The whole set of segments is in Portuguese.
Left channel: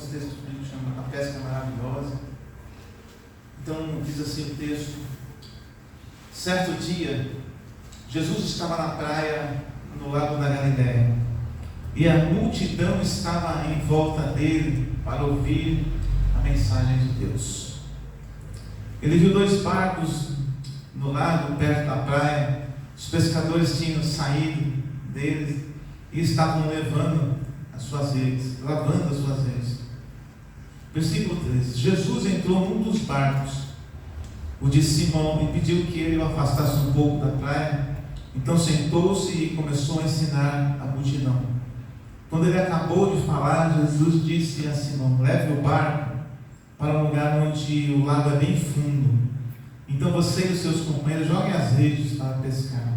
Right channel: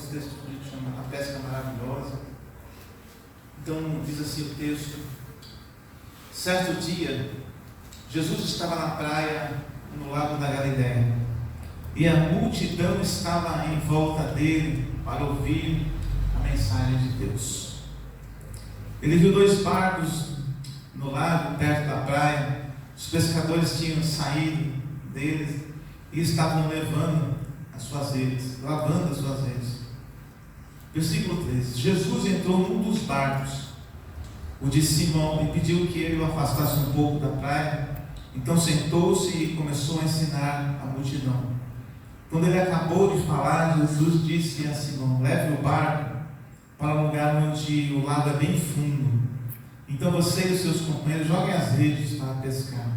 alguns textos bíblicos chamam a pesca maravilhosa. Então diz assim o texto: certo dia, Jesus estava na praia no lago da Galileia, e a multidão estava em volta dele para ouvir a mensagem de Deus. Ele viu 2 barcos no lago, perto da praia. Os pescadores tinham saído deles e estavam lavando as suas redes. Versículo 13: Jesus entrou num dos barcos, o de Simão, e pediu que ele o afastasse um pouco da praia. Então sentou-se e começou a ensinar a multidão. Quando ele acabou de falar, Jesus disse a Simão: leve o barco para um lugar onde o lago é bem fundo. Então você e os seus companheiros joguem as redes para pescar.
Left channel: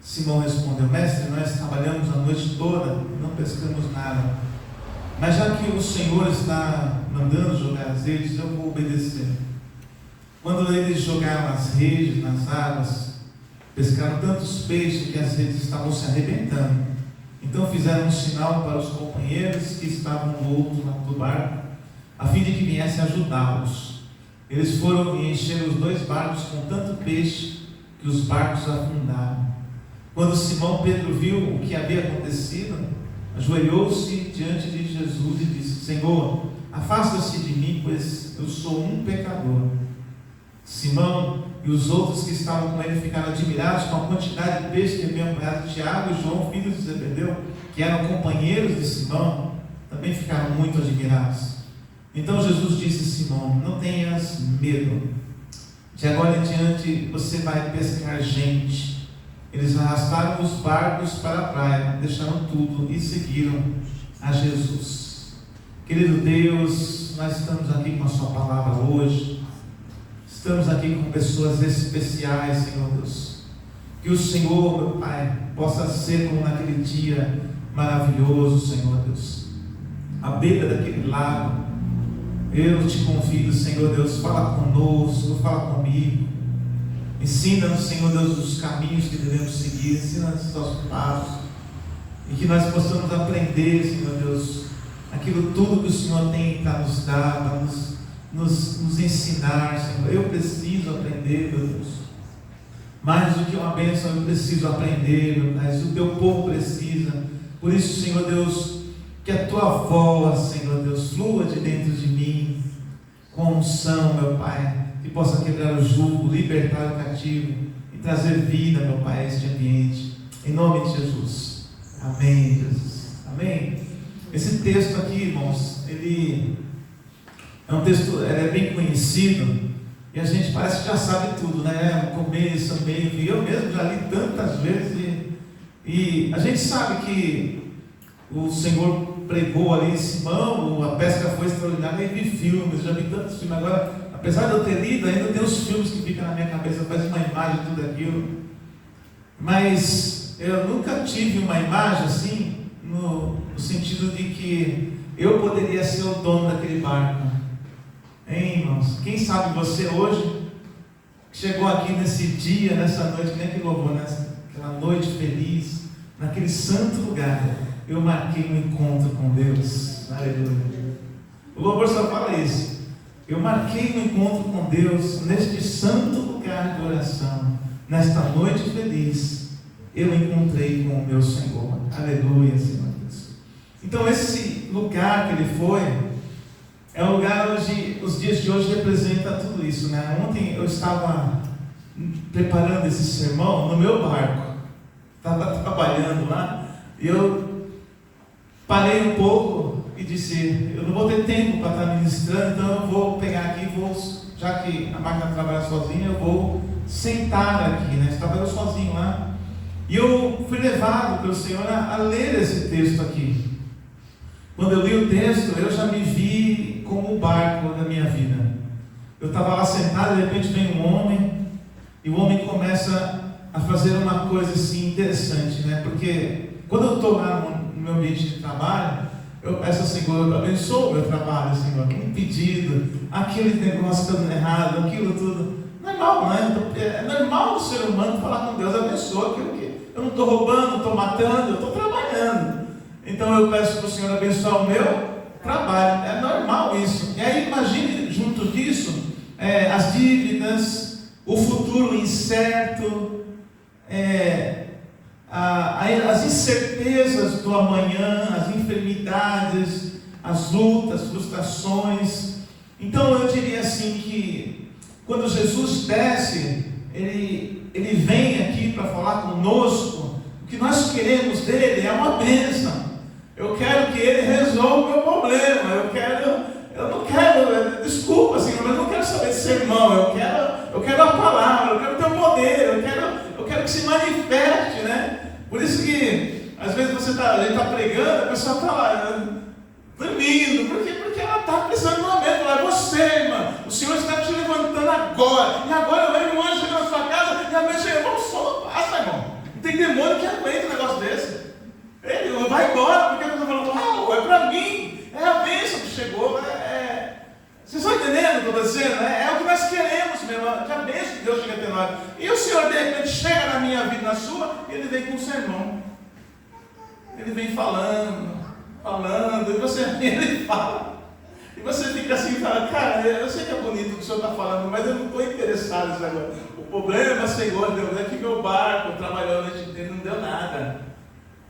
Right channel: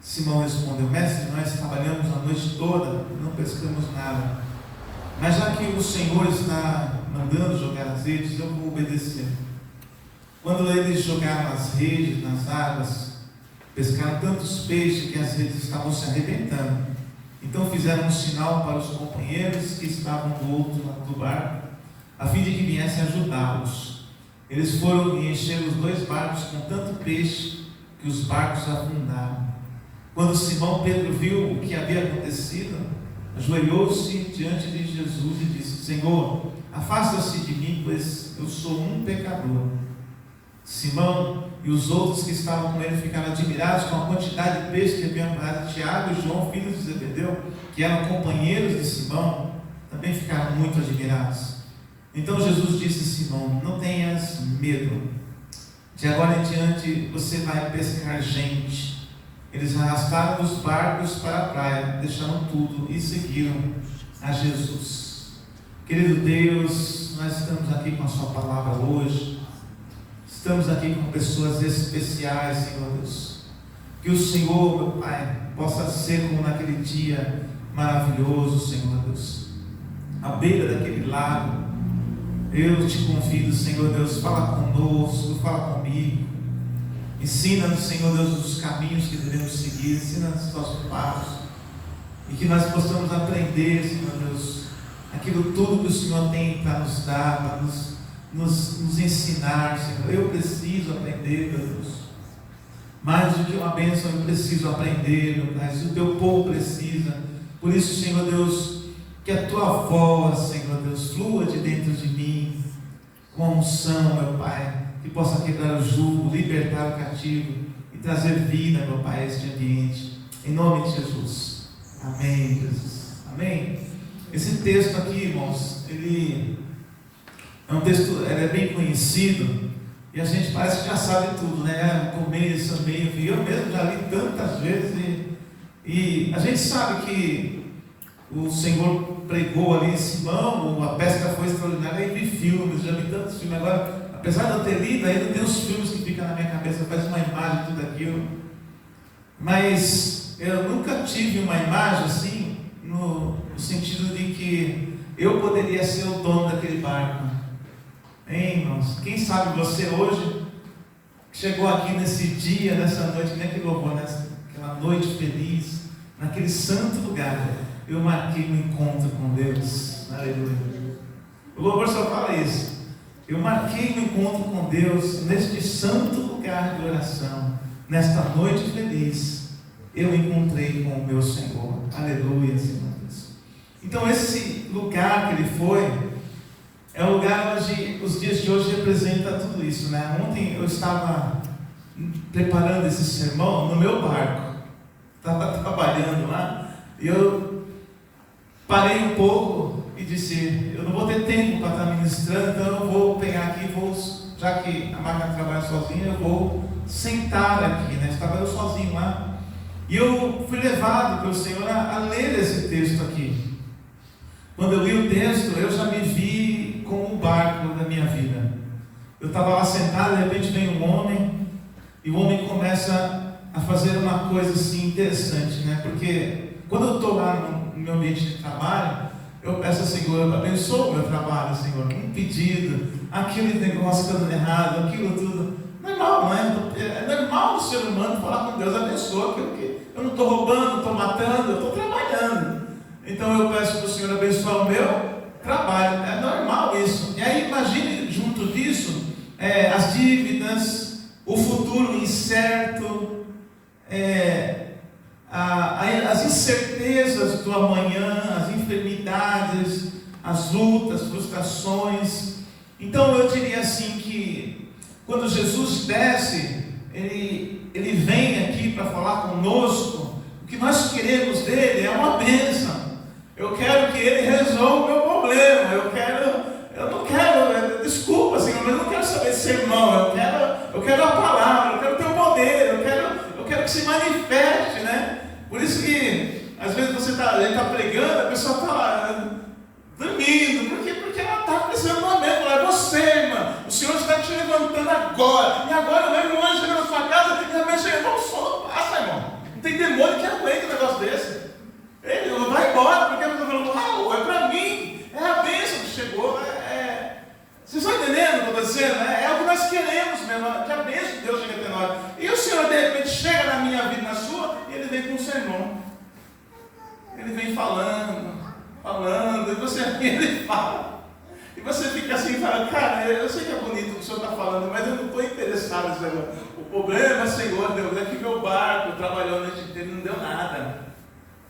Simão respondeu: mestre, nós trabalhamos a noite toda e não pescamos nada. Mas já que o Senhor está mandando jogar as redes, eu vou obedecer. Quando eles jogaram as redes nas águas, pescaram tantos peixes que as redes estavam se arrebentando. Então fizeram um sinal para os companheiros que estavam do outro lado do barco, a fim de que viessem ajudá-los. Eles foram e encheram os 2 barcos com tanto peixe que os barcos afundaram. Quando Simão Pedro viu o que havia acontecido, ajoelhou-se diante de Jesus e disse: Senhor, afasta-se de mim, pois eu sou um pecador. Simão e os outros que estavam com ele ficaram admirados com a quantidade de peixe que haviam pegado. Tiago e João, filhos de Zebedeu, que eram companheiros de Simão, também ficaram muito admirados. Então Jesus disse a Simão: não tenhas medo, de agora em diante você vai pescar gente. Eles arrastaram os barcos para a praia, deixaram tudo e seguiram a Jesus. Querido Deus, nós estamos aqui com a sua palavra hoje. Estamos aqui com pessoas especiais, Senhor Deus. Que o Senhor, meu Pai, possa ser como naquele dia maravilhoso, Senhor Deus, à beira daquele lago. Eu te convido, Senhor Deus, fala conosco, fala comigo. Ensina-nos, Senhor Deus, os caminhos que devemos seguir. Ensina-nos os nossos passos. E que nós possamos aprender, Senhor Deus, aquilo tudo que o Senhor tem para nos dar, para nos ensinar, Senhor. Eu preciso aprender, meu Deus. Mais do que uma bênção, eu preciso aprender, meu Pai. O teu povo precisa. Por isso, Senhor Deus, que a tua voz, Senhor Deus, flua de dentro de mim, com unção, meu Pai, que possa quebrar o jugo, libertar o cativo e trazer vida, meu Pai, a este ambiente. Em nome de Jesus. Amém, Jesus. Amém. Esse texto aqui, irmãos, ele é um texto, ele é bem conhecido, e a gente parece que já sabe tudo, né? O começo, o meio, eu mesmo já li tantas vezes, e a gente sabe que o Senhor pregou ali em Simão, a pesca foi extraordinária, e vi filmes, já vi tantos filmes. Agora, apesar de eu ter lido, ainda tem os filmes que ficam na minha cabeça, faz uma imagem de tudo aquilo, mas eu nunca tive uma imagem assim, no sentido de que eu poderia ser o dono daquele barco. Hein, irmãos? Quem sabe você hoje chegou aqui nesse dia, nessa noite, nem que louvor, naquela noite feliz, naquele santo lugar. Eu marquei um encontro com Deus. Aleluia. O louvor só fala isso. Eu marquei um encontro com Deus neste santo lugar de oração. Nesta noite feliz, eu encontrei com o meu Senhor. Aleluia, Senhor Deus. Então esse lugar que ele foi é um lugar onde os dias de hoje representa tudo isso, né? Ontem eu estava preparando esse sermão no meu barco. Estava trabalhando lá e eu parei um pouco e disse: eu não vou ter tempo para estar ministrando, então eu vou pegar aqui, já que a máquina trabalha sozinha, eu vou sentar aqui, né? Estava eu sozinho lá, e eu fui levado pelo Senhor a ler esse texto aqui. Quando eu li o texto, eu já me vi como um barco da minha vida. Eu estava lá sentado, de repente vem um homem, e o homem começa a fazer uma coisa assim interessante, né? Porque quando eu estou lá no meu ambiente de trabalho, eu peço ao Senhor: abençoa o meu trabalho, Senhor. Um pedido, aquele negócio dando errado, aquilo tudo. Normal, né? É normal do ser humano falar com Deus: abençoa, porque eu não estou roubando, não estou matando, eu estou trabalhando. Então eu peço para o Senhor abençoar o meu trabalho. as dívidas, o futuro incerto, as incertezas do amanhã, as enfermidades, as lutas, frustrações. Então eu diria assim que quando Jesus desce, Ele vem aqui para falar conosco. O que nós queremos dele é uma bênção. Eu quero que ele resolva o meu problema. Eu não quero, desculpa Senhor, mas eu não quero saber de sermão. Eu quero a palavra, eu quero o teu poder, eu quero que se manifeste, né? Por isso que às vezes ele está pregando, a pessoa está lá dormindo, porque ela está precisando de uma bênção. É você, irmã, o Senhor está te levantando agora, e agora vem um anjo chega na sua casa, e a bênção chega, vamos só, basta, irmão. Não tem demônio que aguente um negócio desse. Ele vai embora, porque a pessoa falou, uau, é para mim, é a bênção que chegou. Vocês estão entendendo o que eu estou dizendo? É o que nós queremos mesmo, que a bênção de Deus chegue até nós. E o Senhor de repente chega na minha vida, na sua, e Ele vem com um sermão. Ele vem falando, e Ele fala. E você fica assim e fala, cara, eu sei que é bonito o que o Senhor está falando, mas eu não estou interessado nisso agora. O problema, Senhor, Deus, é que meu barco trabalhou a noite inteira e não deu nada.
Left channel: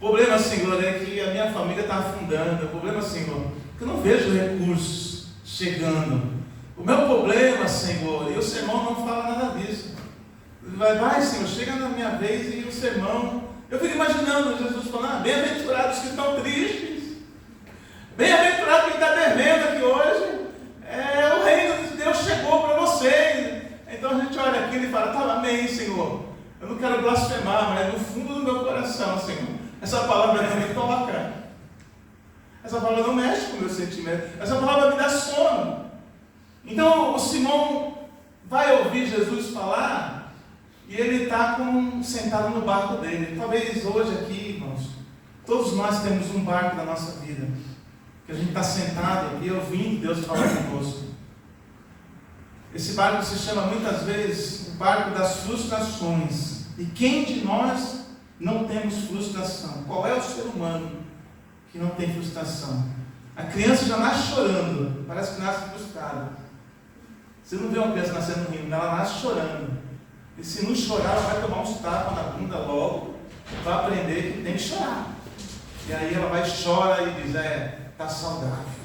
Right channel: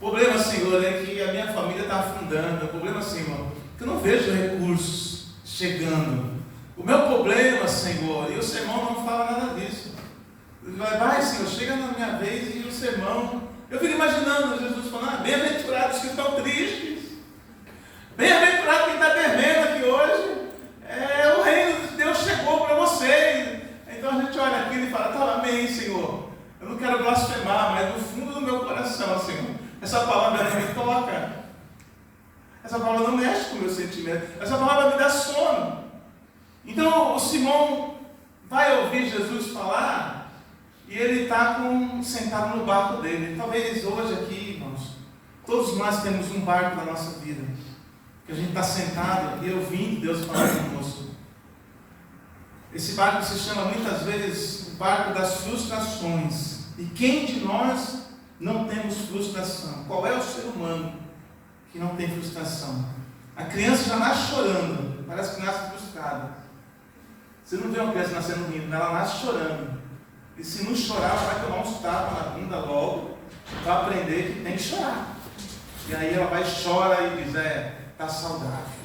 O problema, Senhor, é que a minha família está afundando. O problema, Senhor, é que eu não vejo recursos chegando. O meu problema, Senhor, e o sermão não fala nada disso. Vai, Senhor, chega na minha vez e o sermão. Eu fico imaginando Jesus falando, bem-aventurados que estão tristes. Bem-aventurado quem está devendo aqui hoje. O reino de Deus chegou para vocês. Então a gente olha aqui e fala, tá, amém, Senhor. Eu não quero blasfemar, mas no fundo do meu coração, Senhor, essa palavra não me toca. Essa palavra não mexe com o meu sentimento. Essa palavra me dá sono. Então o Simão vai ouvir Jesus falar e ele está sentado no barco dele. Talvez hoje aqui, irmãos, todos nós temos um barco na nossa vida, que a gente está sentado e ouvindo Deus falar conosco. Esse barco se chama muitas vezes o barco das frustrações. E quem de nós não temos frustração? Qual é o ser humano que não tem frustração? A criança já nasce chorando, parece que nasce frustrada. Você não vê uma criança nascendo rindo, ela nasce chorando. E se não chorar, ela vai tomar uns tapas na bunda logo, vai aprender que tem que chorar. E aí ela vai chorar e diz, está saudável.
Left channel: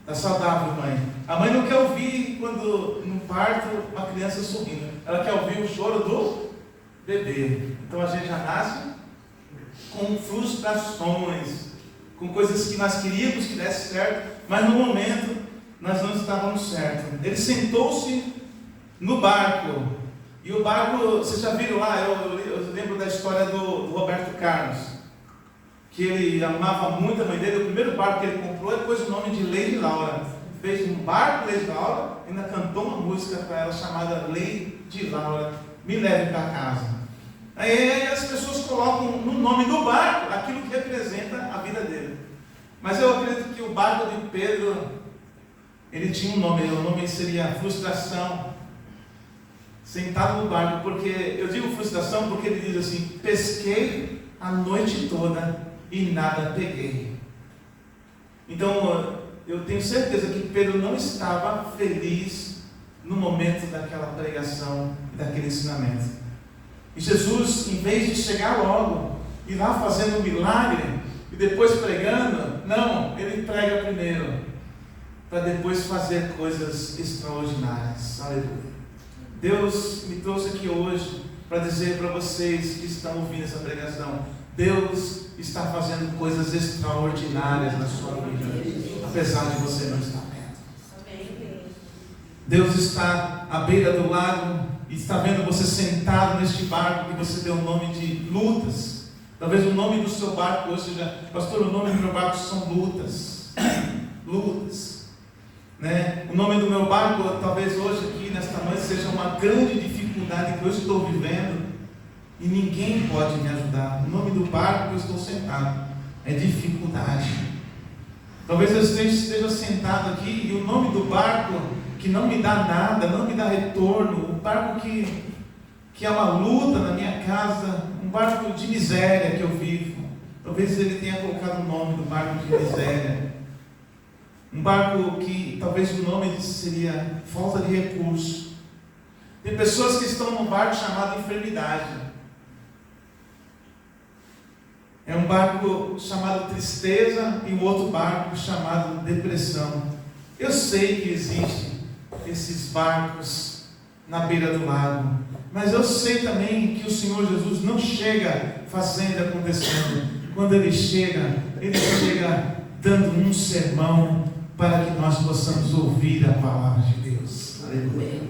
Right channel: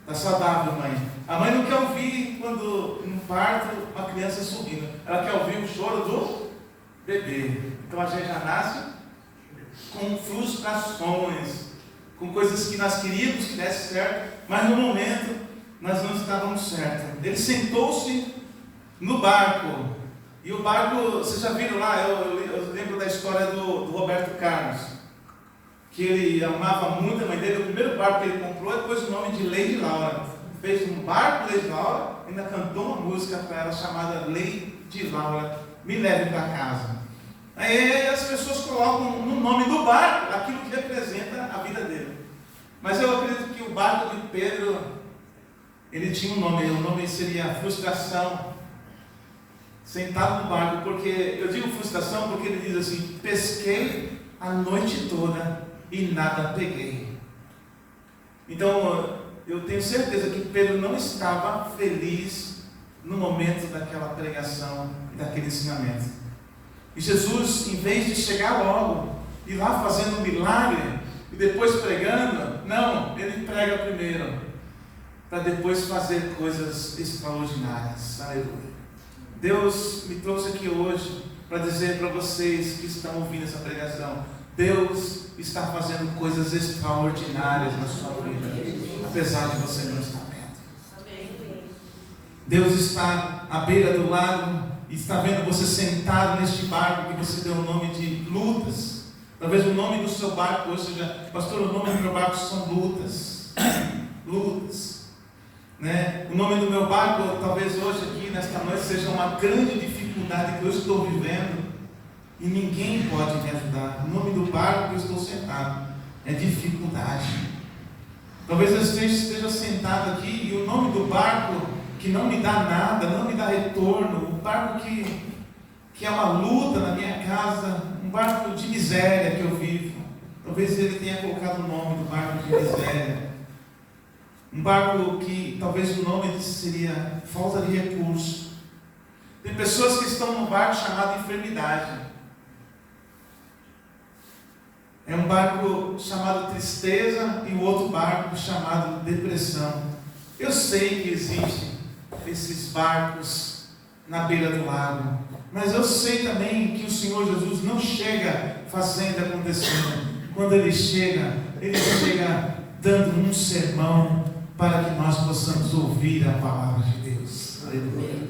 Está saudável, mãe. A mãe não quer ouvir quando no parto uma criança sorrindo. Ela quer ouvir o choro do bebê. Então a gente já nasce com frustrações, com coisas que nós queríamos que desse certo, mas no momento nós não estávamos certos. Ele sentou-se no barco. E o barco, vocês já viram lá, eu lembro da história do Roberto Carlos, que ele amava muito a mãe dele. O primeiro barco que ele comprou, ele pôs o nome de Lady Laura. Fez um barco Lady Laura, ainda cantou uma música para ela chamada Lady Laura, Me Leve para Casa. Aí as pessoas colocam no nome do barco aquilo que representa a vida dele. Mas eu acredito que o barco de Pedro, ele tinha um nome, o nome seria frustração. Sentado no barco, porque eu digo frustração porque ele diz assim: pesquei a noite toda e nada peguei. Então eu tenho certeza que Pedro não estava feliz no momento daquela pregação, daquele ensinamento. E Jesus, em vez de chegar logo, ir lá fazendo um milagre e depois pregando, não, ele prega primeiro, para depois fazer coisas extraordinárias. Aleluia. Deus me trouxe aqui hoje para dizer para vocês que estão ouvindo essa pregação: Deus está fazendo coisas extraordinárias na sua vida, apesar de você não estar vendo. Deus está à beira do lago e está vendo você sentado neste barco que você deu o nome de lutas. Talvez o nome do seu barco hoje seja: pastor, o nome do meu barco são lutas. Lutas. Né? O nome do meu barco, talvez hoje aqui, nesta noite, seja uma grande dificuldade que eu estou vivendo e ninguém pode me ajudar. O nome do barco que eu estou sentado é dificuldade. Talvez eu esteja sentado aqui e o nome do barco que não me dá nada, não me dá retorno, um barco que é uma luta na minha casa, um barco de miséria que eu vivo. Talvez ele tenha colocado o nome do barco de miséria. Um barco que talvez o nome seria falta de recurso. Tem pessoas que estão num barco chamado enfermidade. É um barco chamado tristeza e um outro barco chamado depressão. Eu sei que existem esses barcos na beira do lago, mas eu sei também que o Senhor Jesus não chega fazendo e acontecendo. Quando Ele chega dando um sermão para que nós possamos ouvir a palavra de Deus. Aleluia.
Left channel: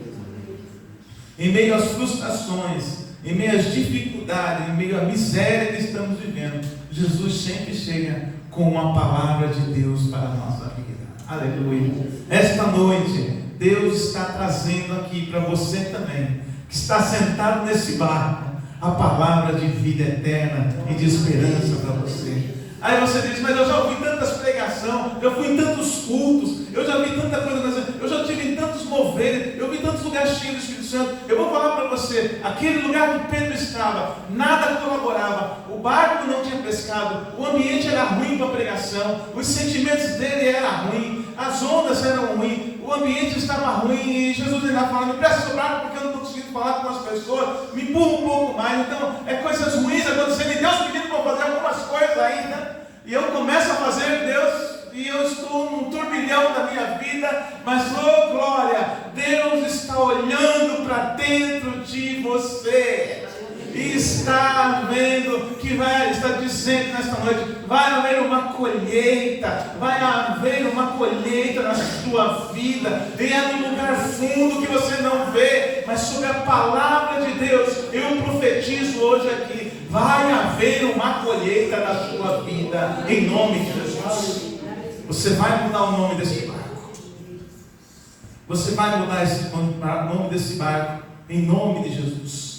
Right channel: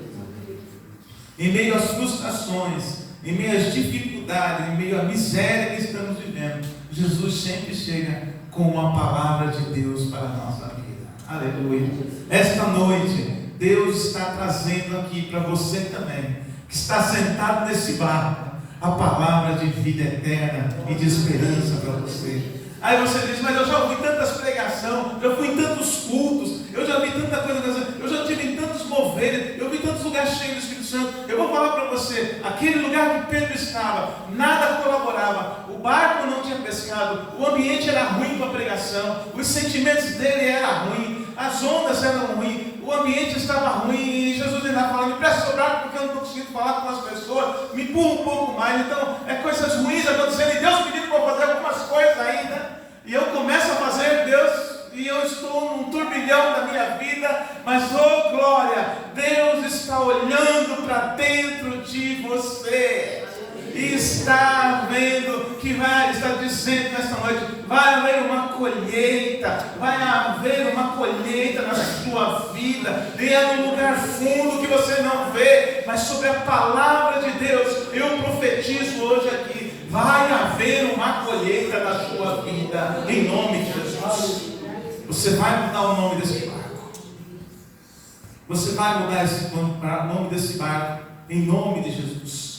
Em meio às frustrações, em meio às dificuldades, em meio à miséria que estamos vivendo, Jesus sempre chega com uma palavra de Deus para a nossa vida. Aleluia. Esta noite, Deus está trazendo aqui para você também, que está sentado nesse barco, a palavra de vida eterna e de esperança para você. Aí você diz, mas eu já ouvi tantas pregações, eu fui em tantos cultos, eu já vi tanta coisa, eu já tive em tantos moveres, eu vi tantos lugares cheios do Espírito Santo. Eu vou falar para você, aquele lugar que Pedro estava, nada colaborava, o barco não tinha pescado, o ambiente era ruim para a pregação, os sentimentos dele eram ruins, as ondas eram ruins, o ambiente estava ruim, e Jesus ainda fala, me presta o barco porque eu não estou conseguindo falar com as pessoas, me empurra um pouco mais. Então, é coisas ruins acontecendo, e Deus pedindo para fazer algumas coisas ainda, e eu começo a fazer, Deus, e eu estou num turbilhão da minha vida, mas, oh glória, Deus está olhando para dentro de você, e está vendo que está dizendo nesta noite, vai haver uma colheita na sua vida, e é um lugar fundo que você não vê, mas sobre a palavra de Deus, eu profetizo hoje aqui, vai haver uma colheita na sua vida, em nome de Jesus. Você vai mudar o nome desse barco, você vai mudar o nome desse barco, em nome de Jesus.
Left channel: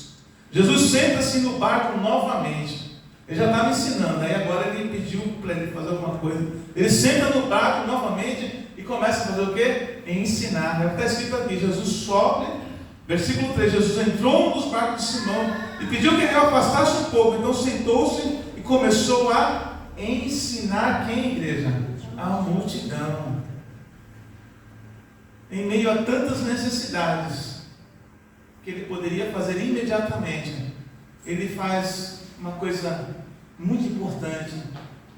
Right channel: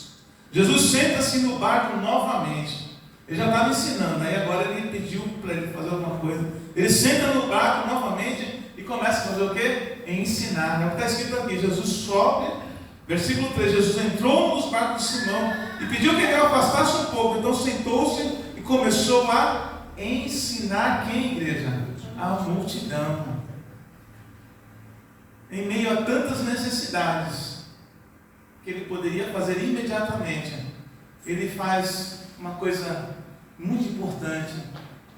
Jesus senta-se no barco novamente. Ele já estava ensinando, aí agora ele pediu para ele fazer alguma coisa. Ele senta no barco novamente e começa a fazer o quê? Ensinar. É o que está escrito aqui, Jesus sobe, versículo 3, Jesus entrou nos barcos de Simão e pediu que ele afastasse um pouco. Então sentou-se e começou a ensinar quem, igreja? A multidão. Em meio a tantas necessidades que ele poderia fazer imediatamente, ele faz uma coisa muito importante,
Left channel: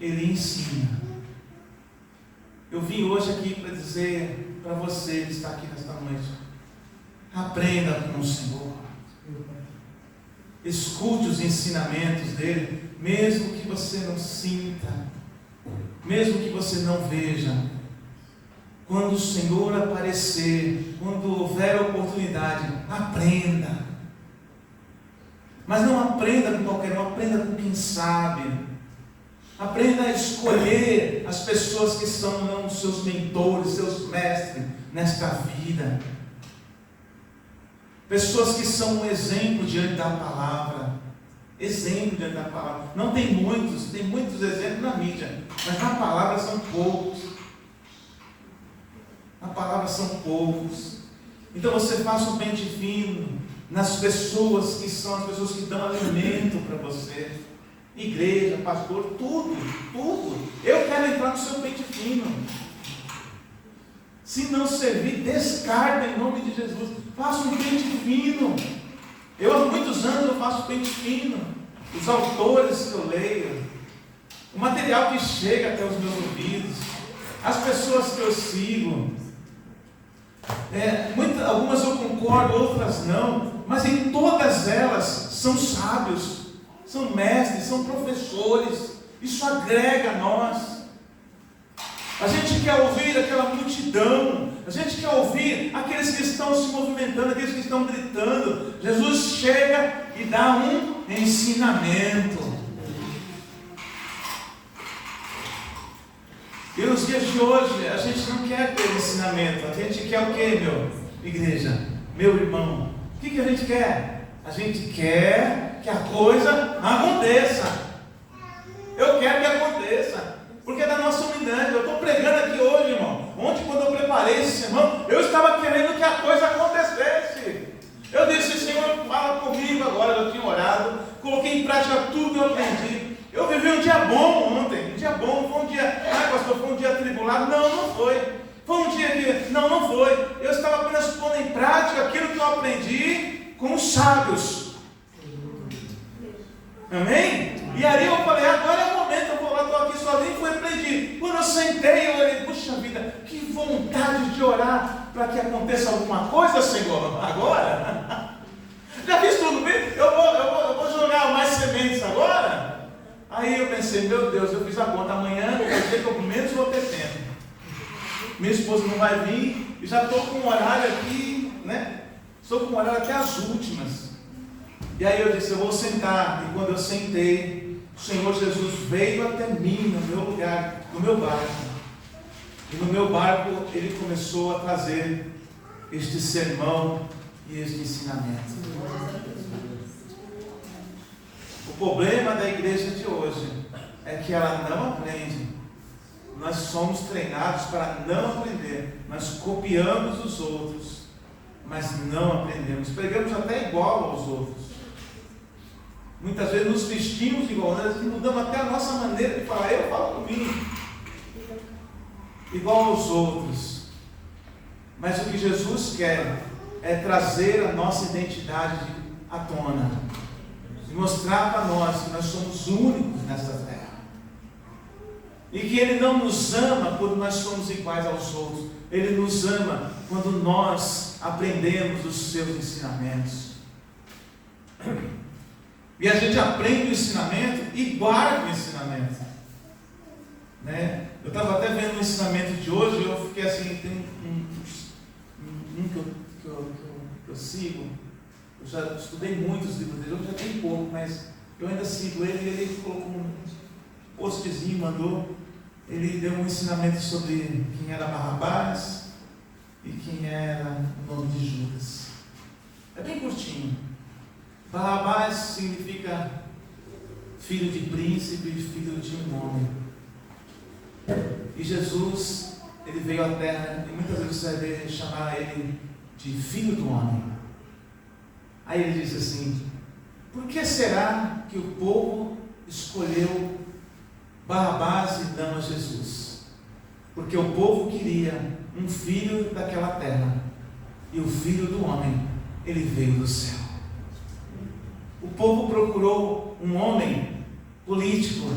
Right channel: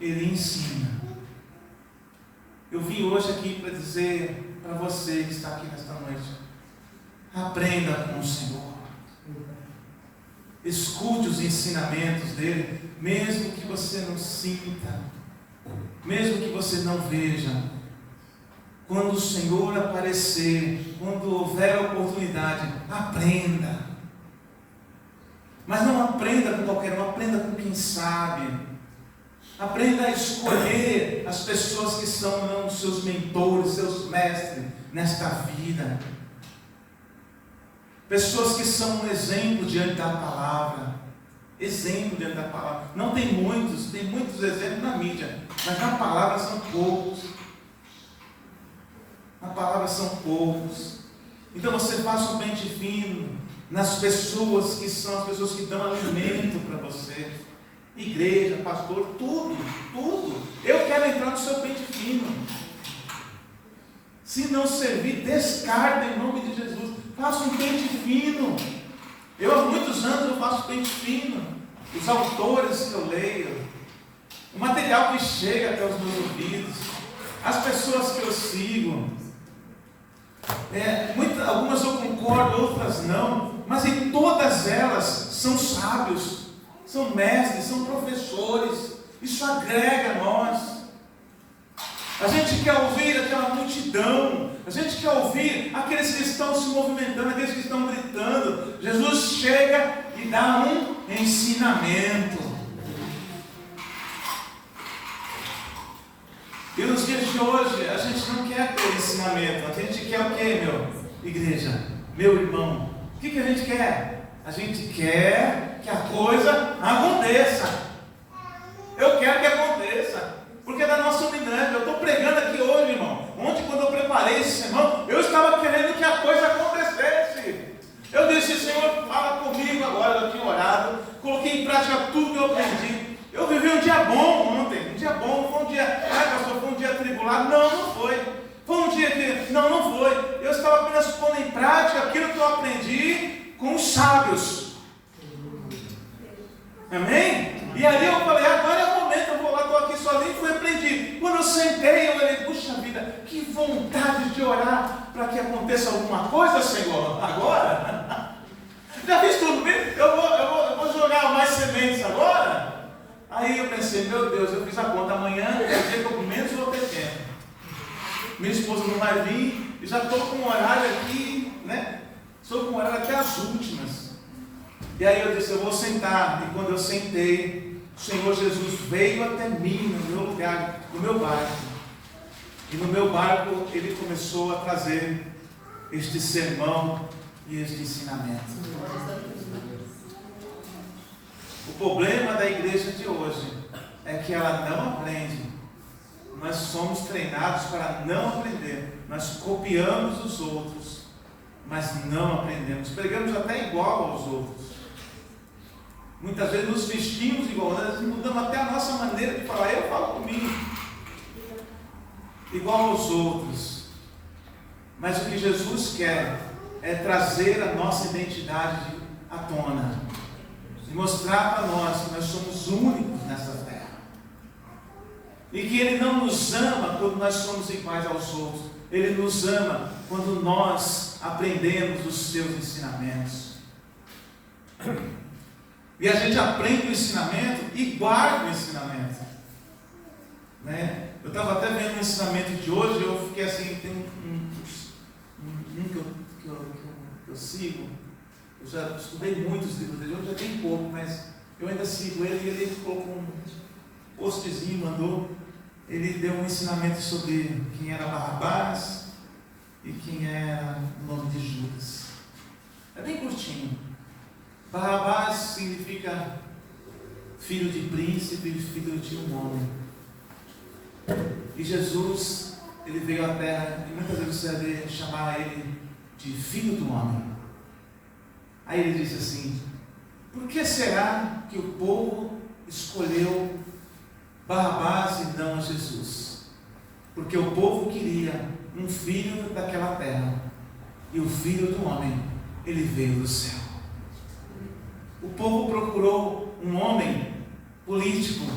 ele ensina. Eu vim hoje aqui para dizer para você que está aqui nesta noite, aprenda com o Senhor, escute os ensinamentos dele, mesmo que você não sinta, mesmo que você não veja. Quando o Senhor aparecer, quando houver oportunidade, aprenda. Mas não aprenda com qualquer um, aprenda com quem sabe. Aprenda a escolher as pessoas que são seus mentores, seus mestres nesta vida. Pessoas que são um exemplo diante da palavra. Exemplo diante da palavra. Não tem muitos exemplos na mídia, mas na palavra são poucos. Na palavra são poucos. Então você faça um pente fino nas pessoas que são as pessoas que dão alimento para você. Igreja, pastor, tudo. Eu quero entrar no seu pente fino. Se não servir, descarta em nome de Jesus. Faça um pente fino. Eu há muitos anos eu faço pente fino. Os autores que eu leio, o material que chega até os meus ouvidos, as pessoas que eu sigo. Algumas eu concordo, outras não, mas em todas elas são sábios, são mestres, são professores. Isso agrega a nós. A gente quer ouvir aquela multidão, a gente quer ouvir aqueles que estão se movimentando, aqueles que estão gritando. Jesus chega e dá um ensinamento. E nos dias de hoje, a gente não quer ter ensinamento. A gente quer o quê, meu? Igreja, meu irmão. O que a gente quer? A gente quer que a coisa aconteça. Eu quero que aconteça. Porque é da nossa unidade. Eu estou pregando aqui hoje, irmão. Ontem, quando eu preparei esse sermão, eu estava querendo que a coisa acontecesse. Eu disse, Senhor, fala comigo agora. Eu tinha orado, coloquei em prática tudo que eu aprendi. Eu vivi um dia bom ontem, um dia bom, foi um dia, pastor, foi um dia atribulado. Não foi. dia que... Não foi. Eu estava apenas pondo em prática aquilo que eu aprendi com os sábios. Amém? E aí eu falei, agora é o momento, eu vou lá, estou aqui sozinho, fui repreendido. Quando eu sentei, eu falei, puxa vida, que vontade de orar para que aconteça alguma coisa, Senhor, agora. Já fiz tudo bem? Eu vou jogar mais sementes agora? Aí eu pensei, meu Deus, eu fiz a conta, amanhã é o dia que eu menos vou ter tempo. Minha esposa não vai vir, e já estou com um horário aqui, né? Estou com um horário até as últimas. E aí eu disse, eu vou sentar. E quando eu sentei, o Senhor Jesus veio até mim, no meu lugar, no meu barco. E no meu barco ele começou a trazer este sermão e este ensinamento. O problema da igreja de hoje é que ela não aprende. Nós somos treinados para não aprender. Nós copiamos os outros, mas não aprendemos. Pregamos até igual aos outros. Muitas vezes nos vestimos igual, nós mudamos até a nossa maneira de falar. Eu falo comigo igual aos outros. Mas o que Jesus quer é trazer a nossa identidade à tona, e mostrar para nós que nós somos únicos nessa terra, e que Ele não nos ama quando nós somos iguais aos outros. Ele nos ama quando nós aprendemos os seus ensinamentos. E a gente aprende o ensinamento e guarda o ensinamento, né? Eu estava até vendo o ensinamento de hoje, eu fiquei assim, tem um que eu sigo, eu já estudei muitos livros dele, hoje já tem pouco, mas eu ainda sigo ele, e ele colocou um postzinho, mandou, ele deu um ensinamento sobre quem era Barrabás e quem era o nome de Judas. É bem curtinho. Barrabás significa filho de príncipe, filho de um homem. E Jesus, ele veio à terra, e muitas vezes você vai chamar ele de filho do homem. Aí ele disse assim: por que será que o povo escolheu Barrabás e não a Jesus? Porque o povo queria um filho daquela terra, e o filho do homem, ele veio do céu. O povo procurou um homem político,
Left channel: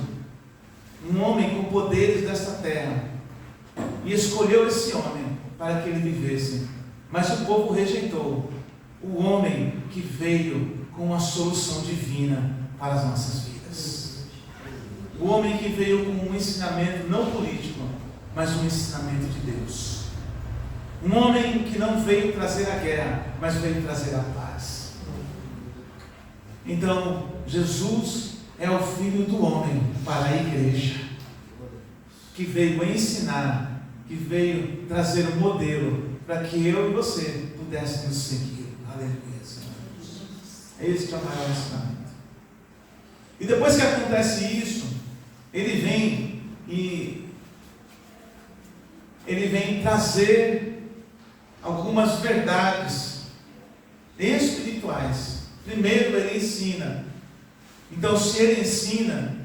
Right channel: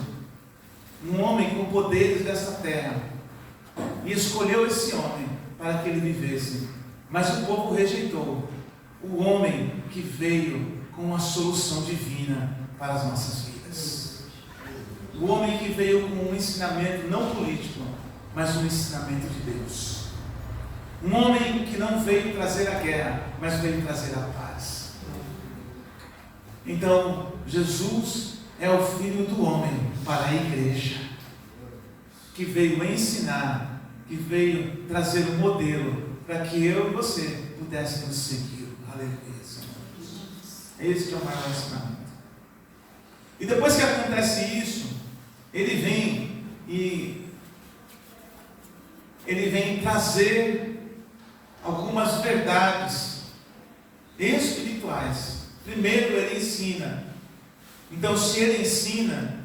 um homem com poderes dessa terra, e escolheu esse homem para que ele vivesse. Mas o povo rejeitou o homem que veio com uma solução divina para as nossas vidas. O homem que veio com um ensinamento não político, mas um ensinamento de Deus. Um homem que não veio trazer a guerra, mas veio trazer a paz. Então, Jesus é o Filho do homem para a igreja, que veio ensinar, que veio trazer um modelo para que eu e você pudéssemos seguir. Aleluia, Senhor. Esse que é o maior ensinamento. E depois que acontece isso, ele vem trazer algumas verdades espirituais. Primeiro ele ensina. Então, se ele ensina,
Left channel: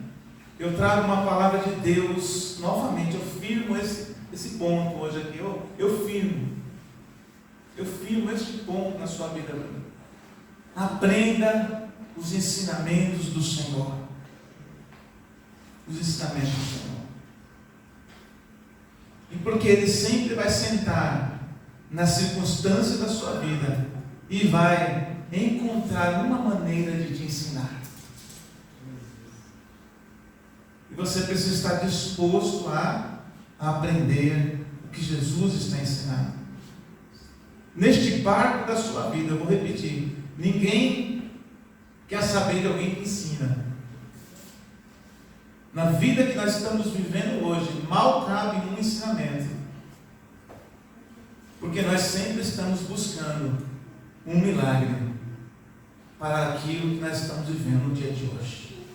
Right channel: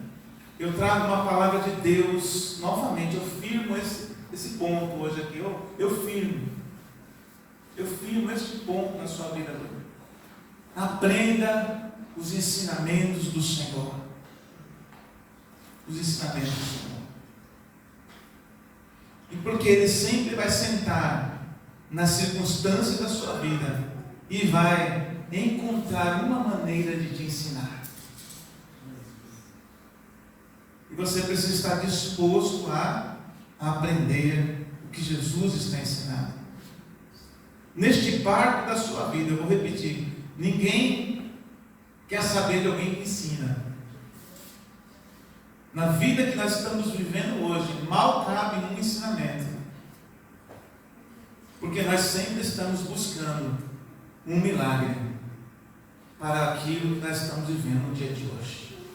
eu trago uma palavra de Deus novamente. Eu firmo esse ponto hoje aqui. Eu firmo este ponto na sua vida. Aprenda os ensinamentos do Senhor. Os ensinamentos do Senhor. E porque Ele sempre vai sentar nas circunstâncias da sua vida e vai encontrar uma maneira de te ensinar. E você precisa estar disposto a aprender o que Jesus está ensinando. Neste barco da sua vida, eu vou repetir, ninguém quer saber de alguém que ensina. Na vida que nós estamos vivendo hoje, mal cabe um ensinamento, porque nós sempre estamos buscando um milagre para aquilo que nós estamos vivendo no dia de hoje,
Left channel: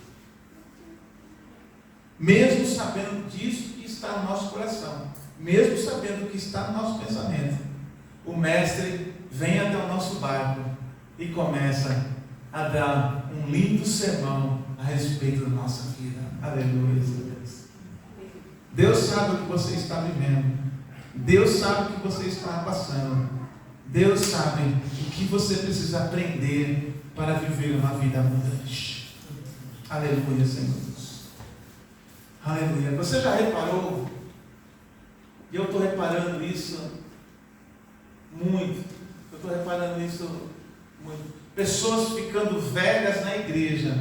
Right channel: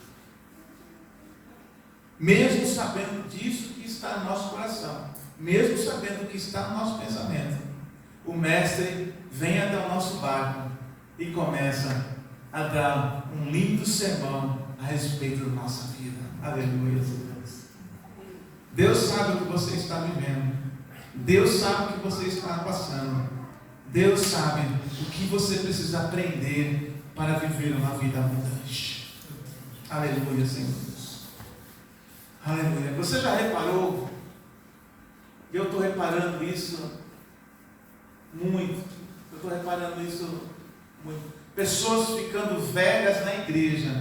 mesmo sabendo disso que está no nosso coração, mesmo sabendo que está no nosso pensamento. O mestre vem até o nosso barco e começa a dar um lindo sermão a respeito da nossa vida. Aleluia, Deus. Deus sabe o que você está vivendo. Deus sabe o que você está passando. Deus sabe o que você precisa aprender para viver uma vida abundante. Aleluia, Senhor Deus. Aleluia. Você já reparou? E eu estou reparando isso muito. Eu estou reparando isso muito. Pessoas ficando velhas na igreja.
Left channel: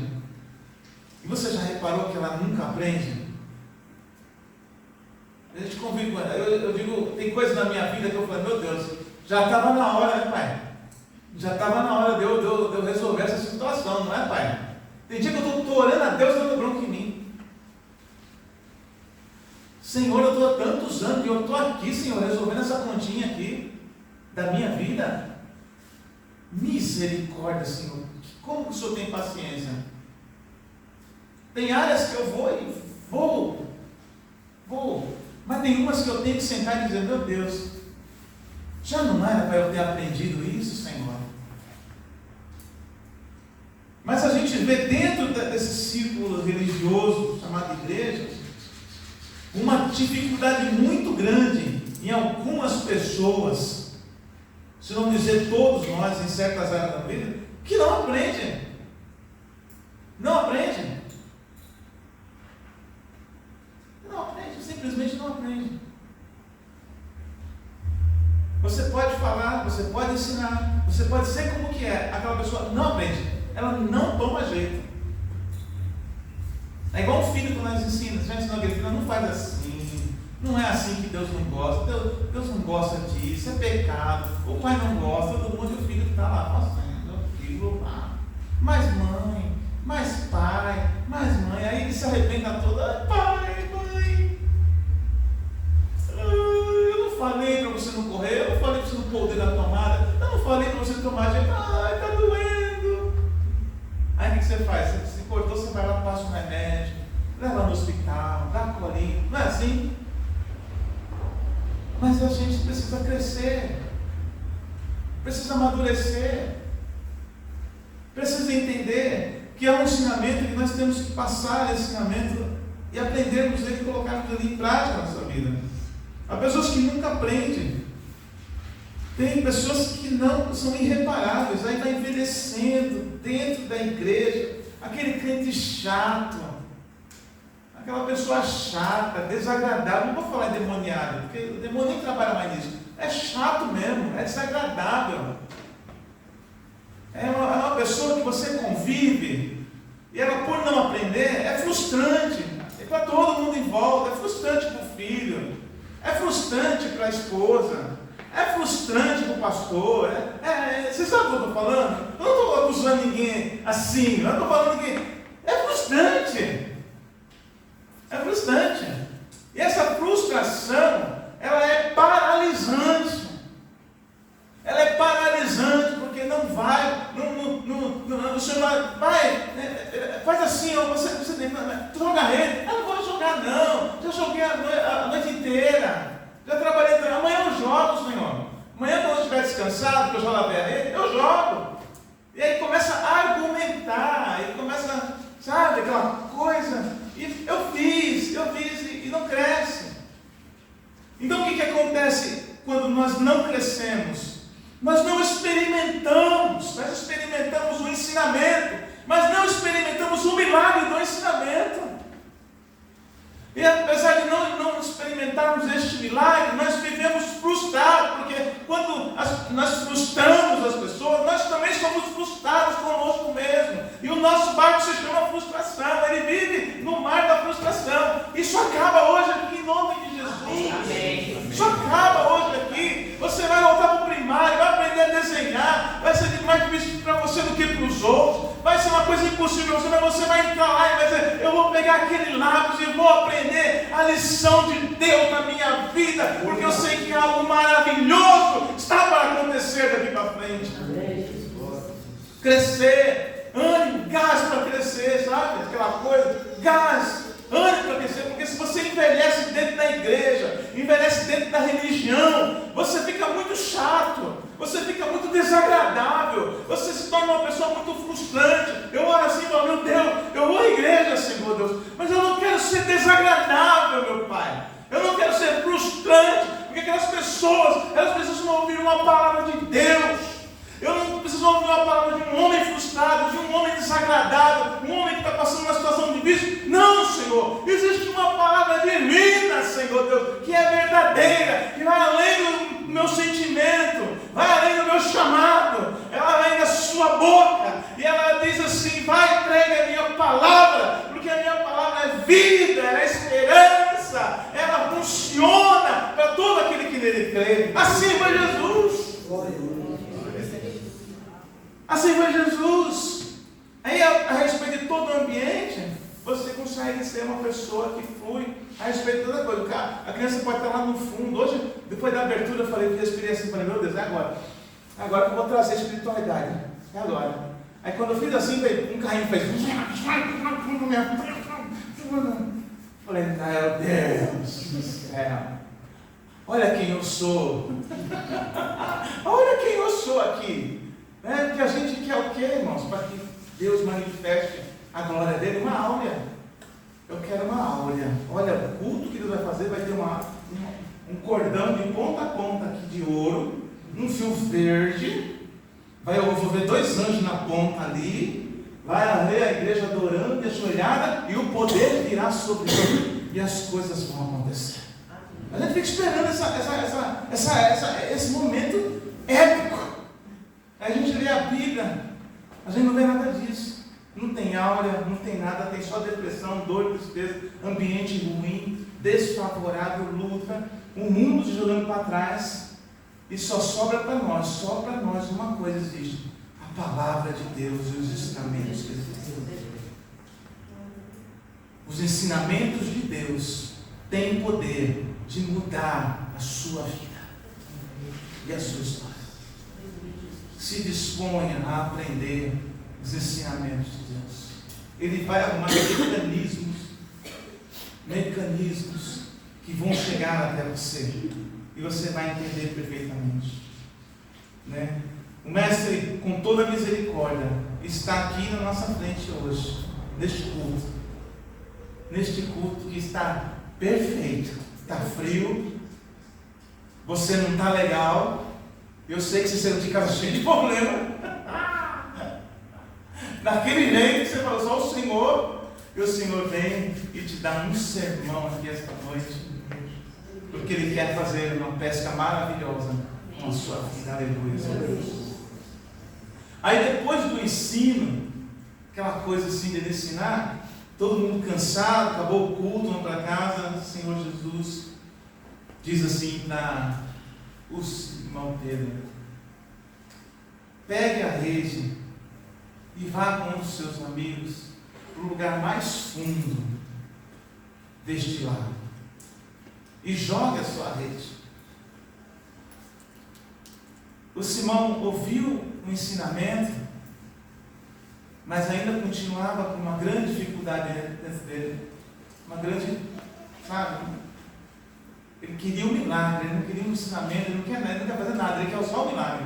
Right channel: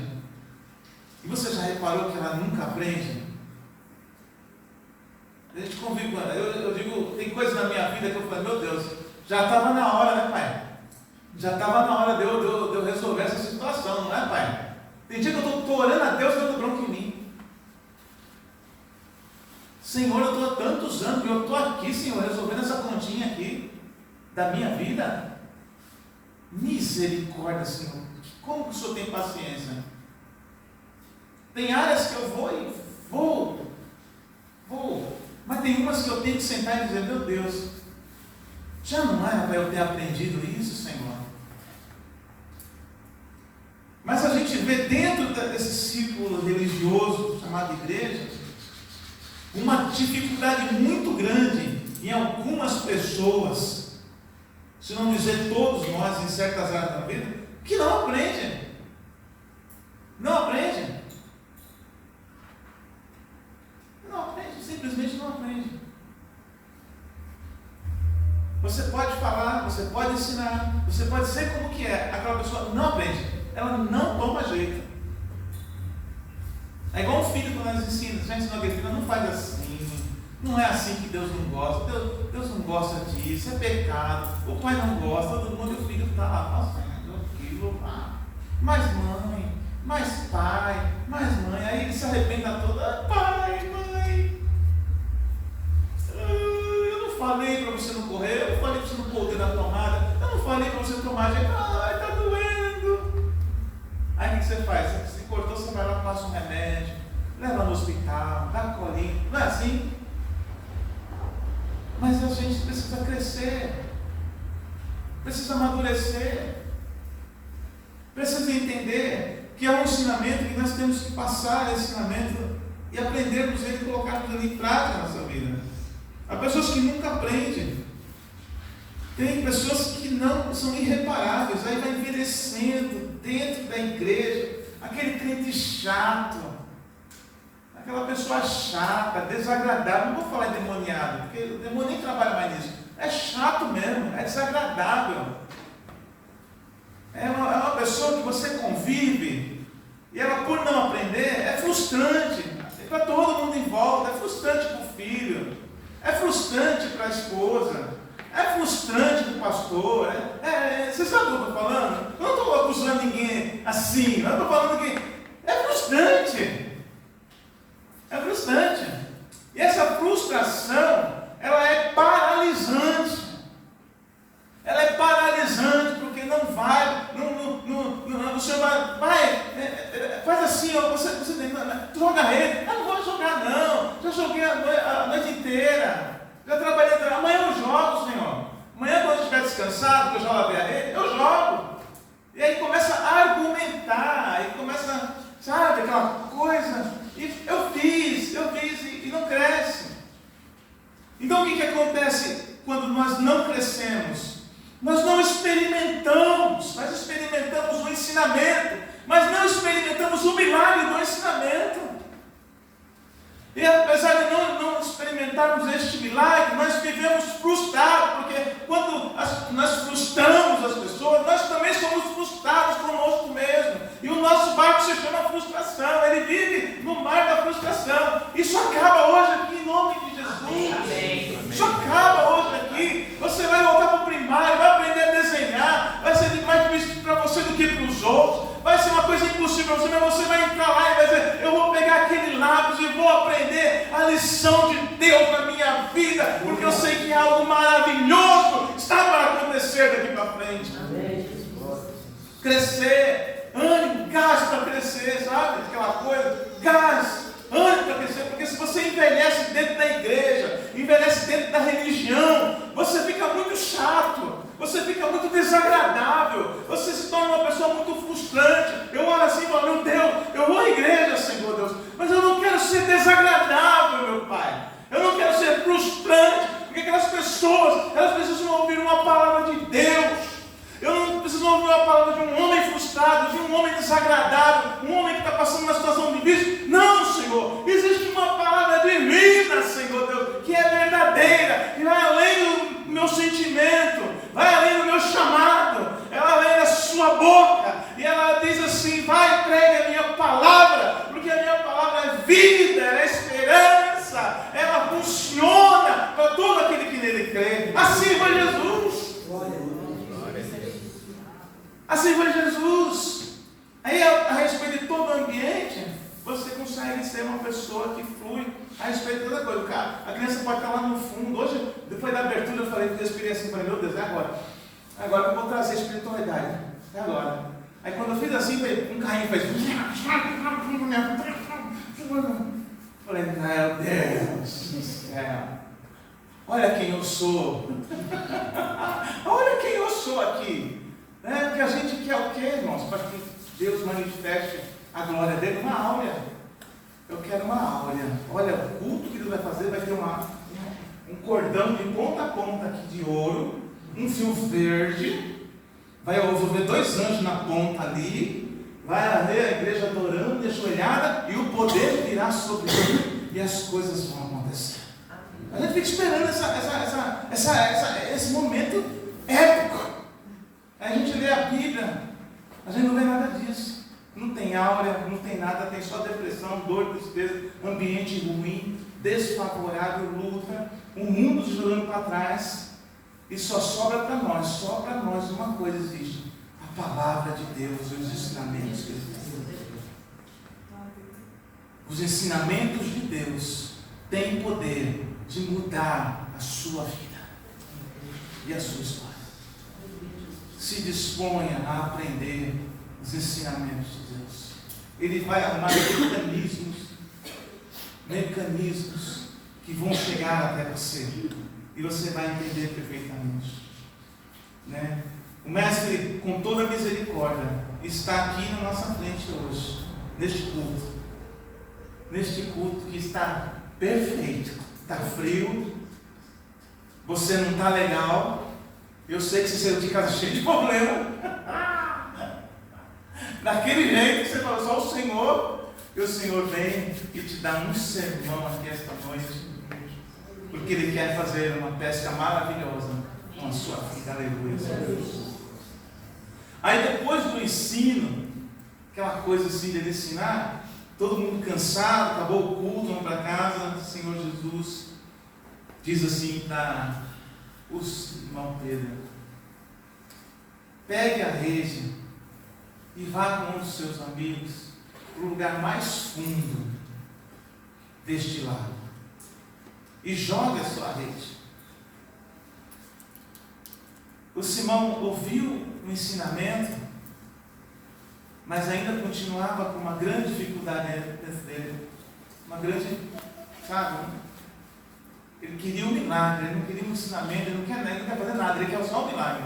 E você já reparou que ela nunca aprende? A gente convive com ela. Eu digo, tem coisa na minha vida que eu falei, meu Deus, já estava na hora, né, pai? Já estava na hora de eu resolver essa situação, não é, pai? Tem dia que eu estou orando a Deus dando bronca em mim. Senhor, eu estou há tantos anos que eu estou aqui, Senhor, resolvendo essa continha aqui da minha vida. Misericórdia, Senhor. Como que o Senhor tem paciência? Tem áreas que eu vou, mas tem umas que eu tenho que sentar e dizer, meu Deus, já não era para eu ter aprendido isso, Senhor? Mas a gente vê dentro desse círculo religioso chamado igreja, uma dificuldade muito grande em algumas pessoas, se não dizer todos nós, em certas áreas da vida, que não aprendem. Não aprendem. Não aprende, simplesmente não aprende. Você pode falar, você pode ensinar, você pode dizer como que é, aquela pessoa não aprende, ela não toma jeito. É igual um filho que nós ensinamos, já ensinou aquele filho, não faz assim, não é assim que Deus não gosta, Deus não gosta disso, é pecado, o pai não gosta, todo mundo, e o filho está lá, fazendo aquilo lá, mas mãe, mais pai, mais mãe, aí ele se arrependa todo, pai, mãe, eu não falei para você não correr, eu não falei para você não pôr o dedo na tomada, eu não falei para você não tomar jeito, ai, está doendo. Aí o que você faz? Você se cortou, você vai lá, passa um remédio, leva no hospital, dá colinho, não é assim? Mas a gente precisa crescer, precisa amadurecer, precisa entender que é um ensinamento que nós temos que passar esse ensinamento e aprendermos ele e colocarmos ele em prática na nossa vida. Há pessoas que nunca aprendem, tem pessoas que não são irreparáveis, aí vai envelhecendo dentro da igreja, aquele crente chato, aquela pessoa chata, desagradável, não vou falar endemoniado, porque o demônio nem trabalha mais nisso, é chato mesmo, é desagradável. É uma pessoa que você convive e ela, por não aprender, é frustrante para todo mundo em volta, é frustrante para o filho, é frustrante para a esposa, é frustrante para o pastor. Você sabe o que eu estou falando? Eu não estou acusando ninguém assim, eu estou falando que é frustrante. É frustrante. E essa frustração, ela é paralisante. Ela é paralisante porque não vai, você vai, faz assim, você joga rede. Eu não vou jogar não, já joguei a noite inteira, já trabalhei, amanhã eu jogo, Senhor. Amanhã quando eu estiver descansado, que eu já lavei a rede, eu jogo. E aí começa a argumentar, aí começa, sabe, aquela coisa, e eu fiz e não cresce. Então o que acontece quando nós não crescemos? Nós não experimentamos, nós experimentamos o ensinamento, mas não experimentamos o milagre do ensinamento. E apesar de não experimentarmos este milagre, nós vivemos frustrados, porque quando nós frustramos as pessoas, nós também somos frustrados conosco mesmo. E o nosso barco se chama frustração, ele vive no mar da frustração. Isso acaba hoje aqui em nome de Jesus. Isso acaba hoje aqui. Você vai voltar para o primário, vai aprender a desenhar, vai ser mais difícil para você do que para os outros. Vai ser uma coisa impossível para você, mas você vai entrar lá e vai dizer, eu vou pegar aquele lápis e vou aprender a lição de Deus na minha vida, porque eu sei que algo maravilhoso está para acontecer daqui para frente. Crescer, ânimo, gás para crescer, sabe? Aquela coisa, gás, ânimo para crescer, porque se você envelhece dentro da igreja, envelhece dentro da religião, você fica muito chato. Você fica muito desagradável, você se torna uma pessoa muito frustrante. Eu olho assim e falo, meu Deus, eu vou à igreja, Senhor Deus, mas eu não quero ser desagradável, meu Pai. Eu não quero ser frustrante, Porque aquelas pessoas, elas precisam ouvir uma palavra de Deus. Eu não preciso ouvir uma palavra de um homem frustrado, de um homem desagradado, um homem que está passando uma situação difícil. Não, Senhor, existe uma palavra divina, Senhor Deus, que é verdadeira, que vai além do meu sentimento, vai além do meu chamado, ela vai além da sua boca, e ela diz assim: vai, pregue a minha palavra, porque a minha palavra é vida, ela é esperança, ela funciona para todo aquele que nele crê. Assim foi Jesus. Assim foi Jesus. Aí, a respeito de todo o ambiente, você consegue ser uma pessoa que flui a respeito de toda coisa. Cara, a criança pode estar lá no fundo. Hoje, depois da abertura, eu falei, respirei assim, falei, meu Deus, é agora. Agora que eu vou trazer a espiritualidade. É agora. Aí quando eu fiz assim, um carrinho fez. Falei, meu Deus do céu. Olha quem eu sou. Olha quem eu sou aqui. Porque a gente quer o quê, irmãos? Para que Deus manifeste a glória dele, uma áurea. Eu quero uma áurea. Olha, o culto que Deus vai fazer vai ter um cordão de ponta a ponta aqui de ouro, um fio verde, eu vou ver 2 anjos na ponta ali, vai haver a igreja adorando e ajoelhada, e o poder virá sobre ele, e as coisas vão acontecer. A gente fica esperando esse momento épico. Aí a gente lê a Bíblia, a gente não vê nada disso. Não tem áurea, não tem nada, tem só depressão, dor, tristeza, ambiente ruim, desfavorável, luta, o mundo se jogando para trás, e só sobra para nós uma coisa existe: a palavra de Deus e os ensinamentos de Deus. Os ensinamentos de Deus têm poder de mudar a sua vida e a sua história. Se disponha a aprender os ensinamentos de Deus. Ele vai arrumar mecanismos que vão chegar até você, e você vai entender perfeitamente. O Mestre, com toda a misericórdia, está aqui na nossa frente hoje, neste culto que está perfeito. Está frio, você não está legal. Eu sei que você saiu de casa cheio de problema. Daquele jeito que você falou, só o Senhor. E o Senhor vem e te dá um sermão aqui esta noite. Porque Ele quer fazer uma pesca maravilhosa com a sua vida. Aleluia. Aí depois do ensino, aquela coisa assim de ensinar, todo mundo cansado, acabou o culto, vamos para casa. O Senhor Jesus diz assim para os irmãos Pedro: pegue a rede e vá com um dos seus amigos para o lugar mais fundo deste lago e jogue a sua rede. O Simão ouviu o ensinamento, mas ainda continuava com uma grande dificuldade dentro dele, uma grande, ele queria um milagre, ele não queria um ensinamento, ele não quer fazer nada, ele quer só um milagre.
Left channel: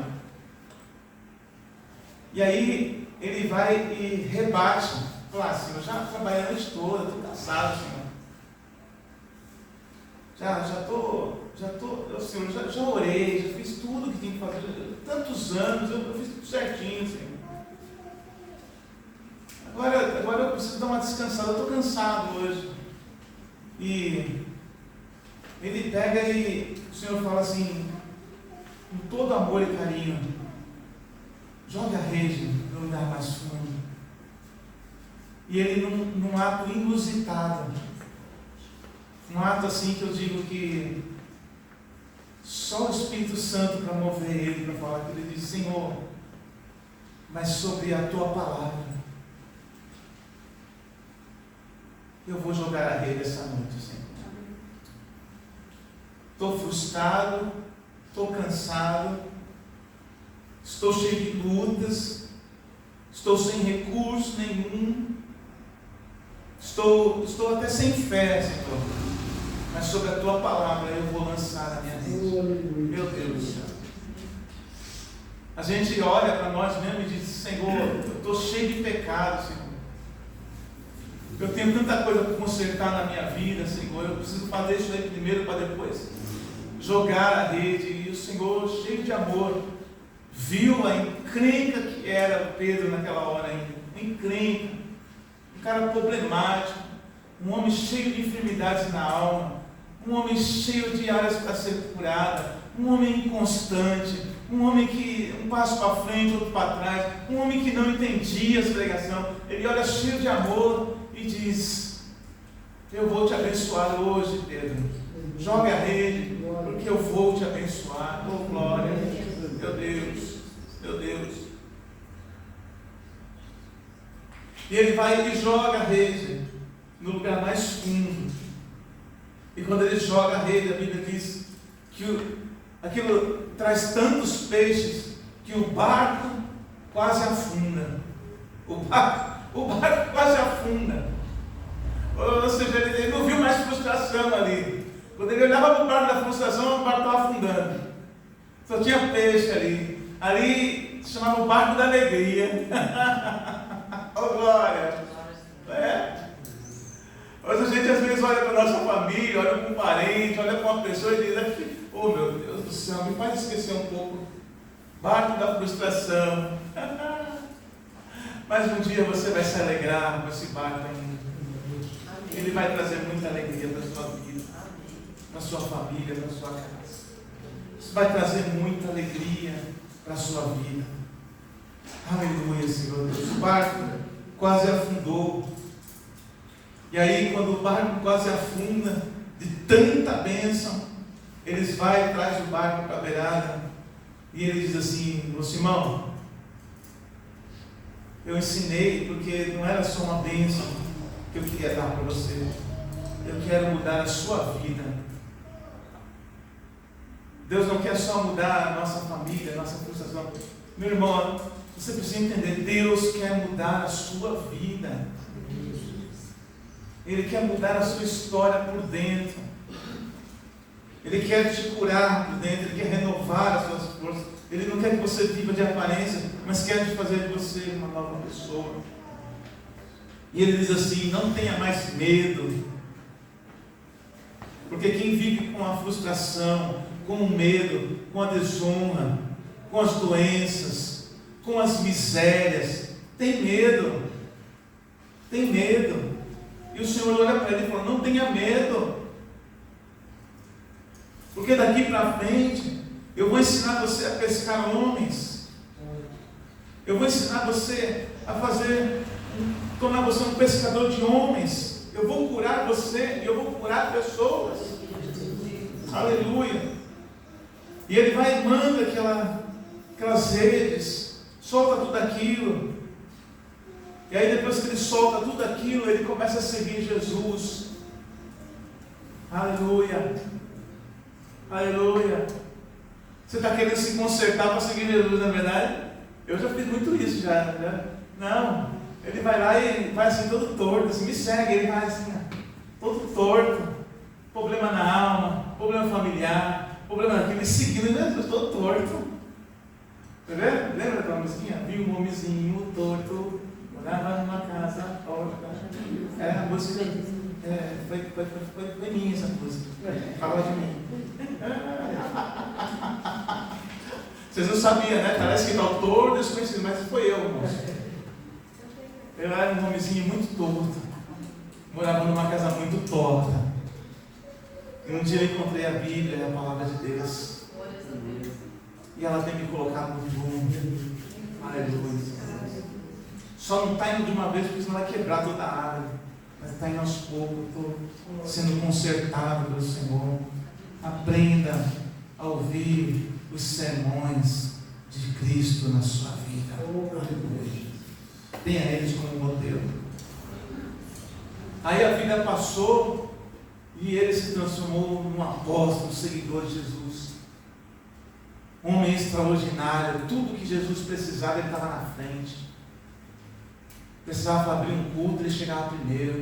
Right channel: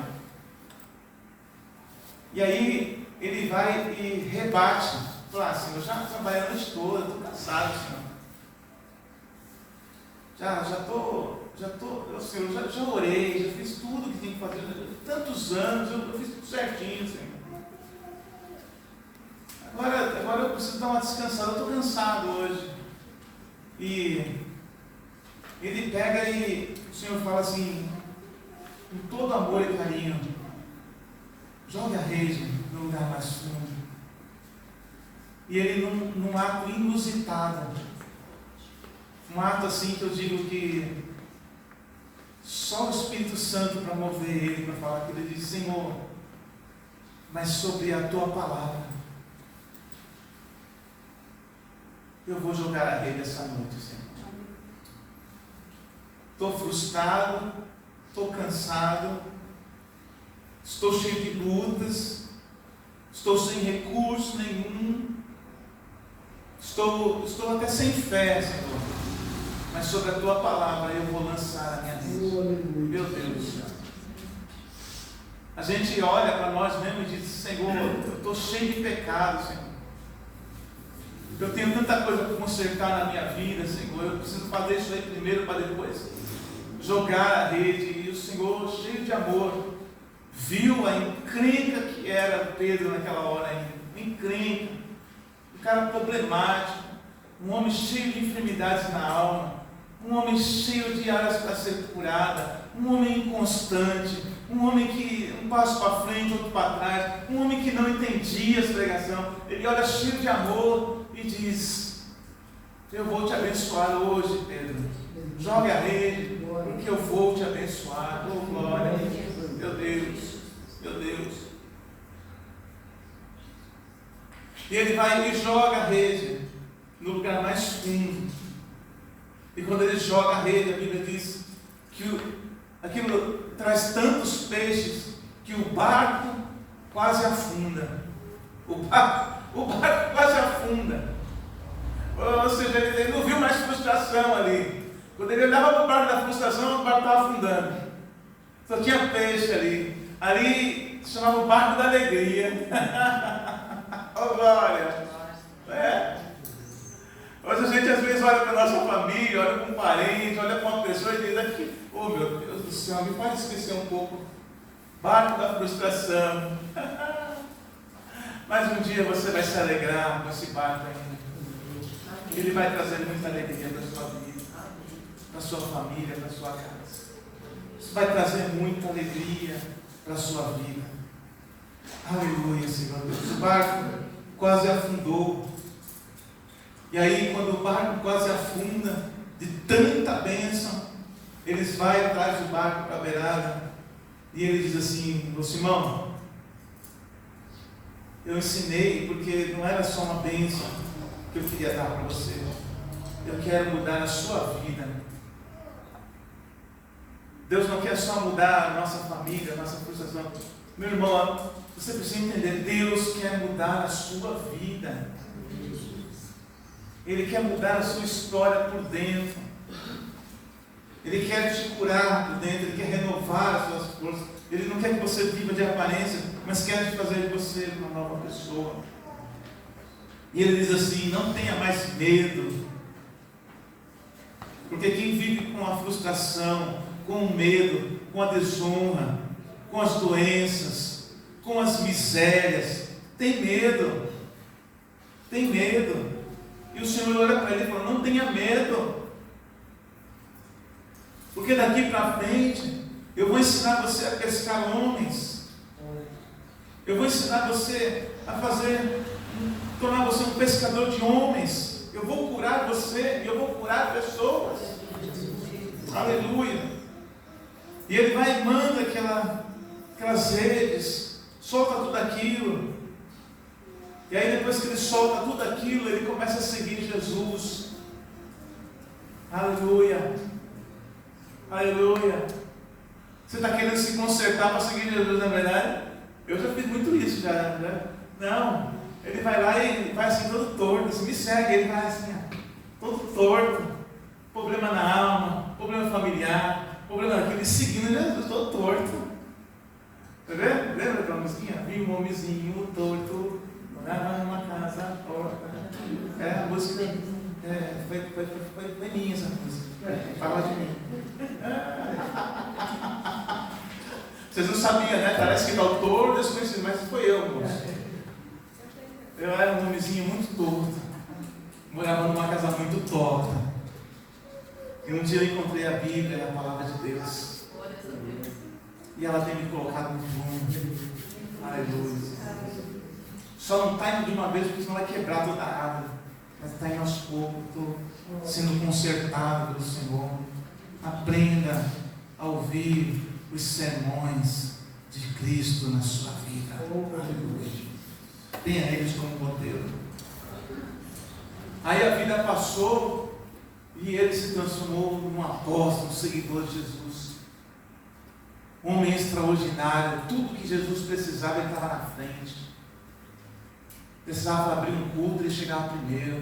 E aí ele vai e rebate, fala: Senhor, eu já trabalhei a noite toda, estou cansado, Senhor. Senhor, já orei, já fiz tudo que tem que fazer, tantos anos, eu fiz tudo certinho, Senhor. Agora eu preciso dar uma descansada, eu estou cansado hoje. E ele pega e o Senhor fala assim, com todo amor e carinho: jogue a rede no lugar mais fundo. E ele, num ato inusitado, um ato assim que eu digo que só o Espírito Santo para mover ele, para falar, que ele diz: Senhor, mas sobre a tua palavra eu vou jogar a rede essa noite, Senhor. Estou frustrado, estou cansado, estou cheio de lutas, estou sem recurso nenhum, estou até sem fé, Senhor, mas sobre a tua palavra eu vou lançar a minha rede. Meu Deus do céu. A gente olha para nós mesmos e diz: Senhor, eu estou cheio de pecado, Senhor. Eu tenho tanta coisa para consertar na minha vida, Senhor. Eu preciso fazer isso aí primeiro para depois jogar a rede, e o Senhor, cheio de amor, viu a encrenca que era Pedro naquela hora ainda. Uma encrenca, um cara problemático, um homem cheio de enfermidades na alma, um homem cheio de áreas para ser curada, um homem inconstante, um homem que um passo para frente, outro para trás, um homem que não entendia a pregação. Ele olha cheio de amor e diz: eu vou te abençoar hoje, Pedro. Joga a rede, porque eu vou te abençoar. Oh, glória, meu Deus, meu Deus. E ele vai e joga a rede no lugar mais fundo. E quando ele joga a rede, a Bíblia diz que aquilo traz tantos peixes que o barco quase afunda. O barco quase afunda. Ou seja, ele não viu mais frustração ali. Quando ele olhava para o barco da frustração, o barco estava afundando. Só tinha peixe ali. Ali se chamava o barco da alegria. Oh, glória! É. Hoje a gente às vezes olha para a nossa família, olha para um parente, olha para uma pessoa e diz aqui: oh, meu Deus do céu, me faz esquecer um pouco. Barco da frustração. Mas um dia você vai se alegrar com esse barco ainda. Ele vai trazer muita alegria para a sua vida, para a sua família, para a sua casa. Isso vai trazer muita alegria para a sua vida. Aleluia, Senhor Deus. O barco quase afundou. E aí, quando o barco quase afunda, de tanta bênção, eles vão e trazem o barco para a beirada. E ele diz assim: ô Simão, eu ensinei porque não era só uma bênção que eu queria dar para você. Eu quero mudar a sua vida. Deus não quer só mudar a nossa família, a nossa frustração. Meu irmão, você precisa entender, Deus quer mudar a sua vida. Ele quer mudar a sua história por dentro. Ele quer te curar por dentro. Ele quer renovar as suas forças. Ele não quer que você viva de aparência, mas quer fazer de você uma nova pessoa. E ele diz assim: não tenha mais medo. Porque quem vive com a frustração, com o medo, com a desonra, com as doenças, com as misérias, tem medo. Tem medo. E o Senhor olha para ele e fala: não tenha medo. Porque daqui para frente eu vou ensinar você a pescar homens. Eu vou ensinar você a tornar você um pescador de homens. Eu vou curar você, eu vou curar pessoas. Aleluia. E ele vai e manda aquelas redes, solta tudo aquilo. E aí depois que ele solta tudo aquilo, ele começa a seguir Jesus. Aleluia. Aleluia. Você está querendo se consertar para seguir Jesus, não é verdade? Eu já fiz muito isso já. Não. Ele vai lá e vai assim todo torto, assim, me segue. Ele vai assim, todo torto. Problema na alma, problema familiar, problema naquilo. E seguindo Jesus, todo torto. Tá vendo? Lembra daquela musiquinha? Vi um homenzinho torto, morava numa casa torta. A música foi minha essa música. Falou de mim. Vocês não sabiam, né? Parece que está o torto desconhecido, mas foi eu, moço. Eu era um homenzinho muito torto. Morava numa casa muito torta. E um dia eu encontrei a Bíblia, a palavra de Deus. E ela tem me colocado no rumo. Aleluia. Só não está indo de uma vez, porque senão vai quebrar toda a árvore. Mas está indo aos poucos, estou sendo consertado pelo Senhor. Aprenda a ouvir os sermões de Cristo na sua vida. Aleluia. Tenha eles como modelo. Aí a vida passou e ele se transformou num apóstolo, um seguidor de Jesus. Um homem extraordinário. Tudo que Jesus precisava, ele estava na frente. Precisava abrir um culto, ele chegava primeiro.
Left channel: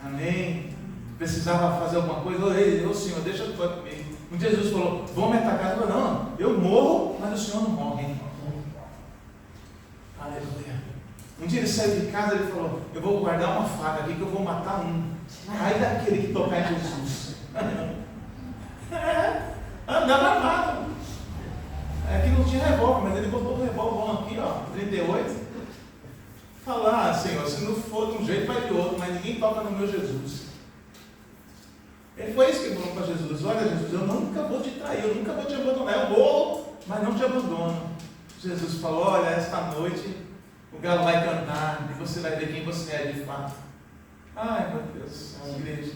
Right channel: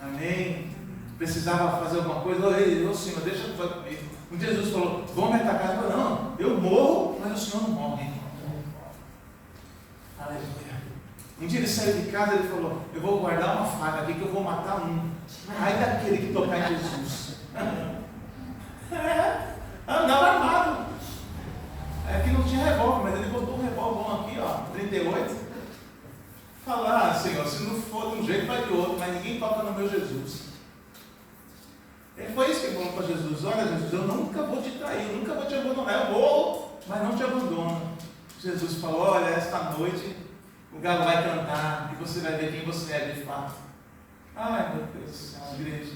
Amém? Precisava fazer alguma coisa. Ô Senhor, deixa eu fazer comigo. Um dia Jesus falou: vão me atacar. Eu falei: não, eu morro, mas o Senhor não morre. Aleluia. Um dia ele saiu de casa e ele falou: eu vou guardar uma faca aqui que eu vou matar um. Aí daquele que tocar em Jesus. Andava armado. É que não tinha revólver, mas ele botou um revólver aqui, ó, 38. Falar, Senhor, se não for de um jeito, vai de outro, mas ninguém toca no meu Jesus. Ele foi isso que ele falou para Jesus: olha, Jesus, eu nunca vou te trair, eu nunca vou te abandonar, eu vou, mas não te abandono. Jesus falou: olha, esta noite o galo vai cantar e você vai ver quem você é de fato. Ai, meu Deus do céu, igreja.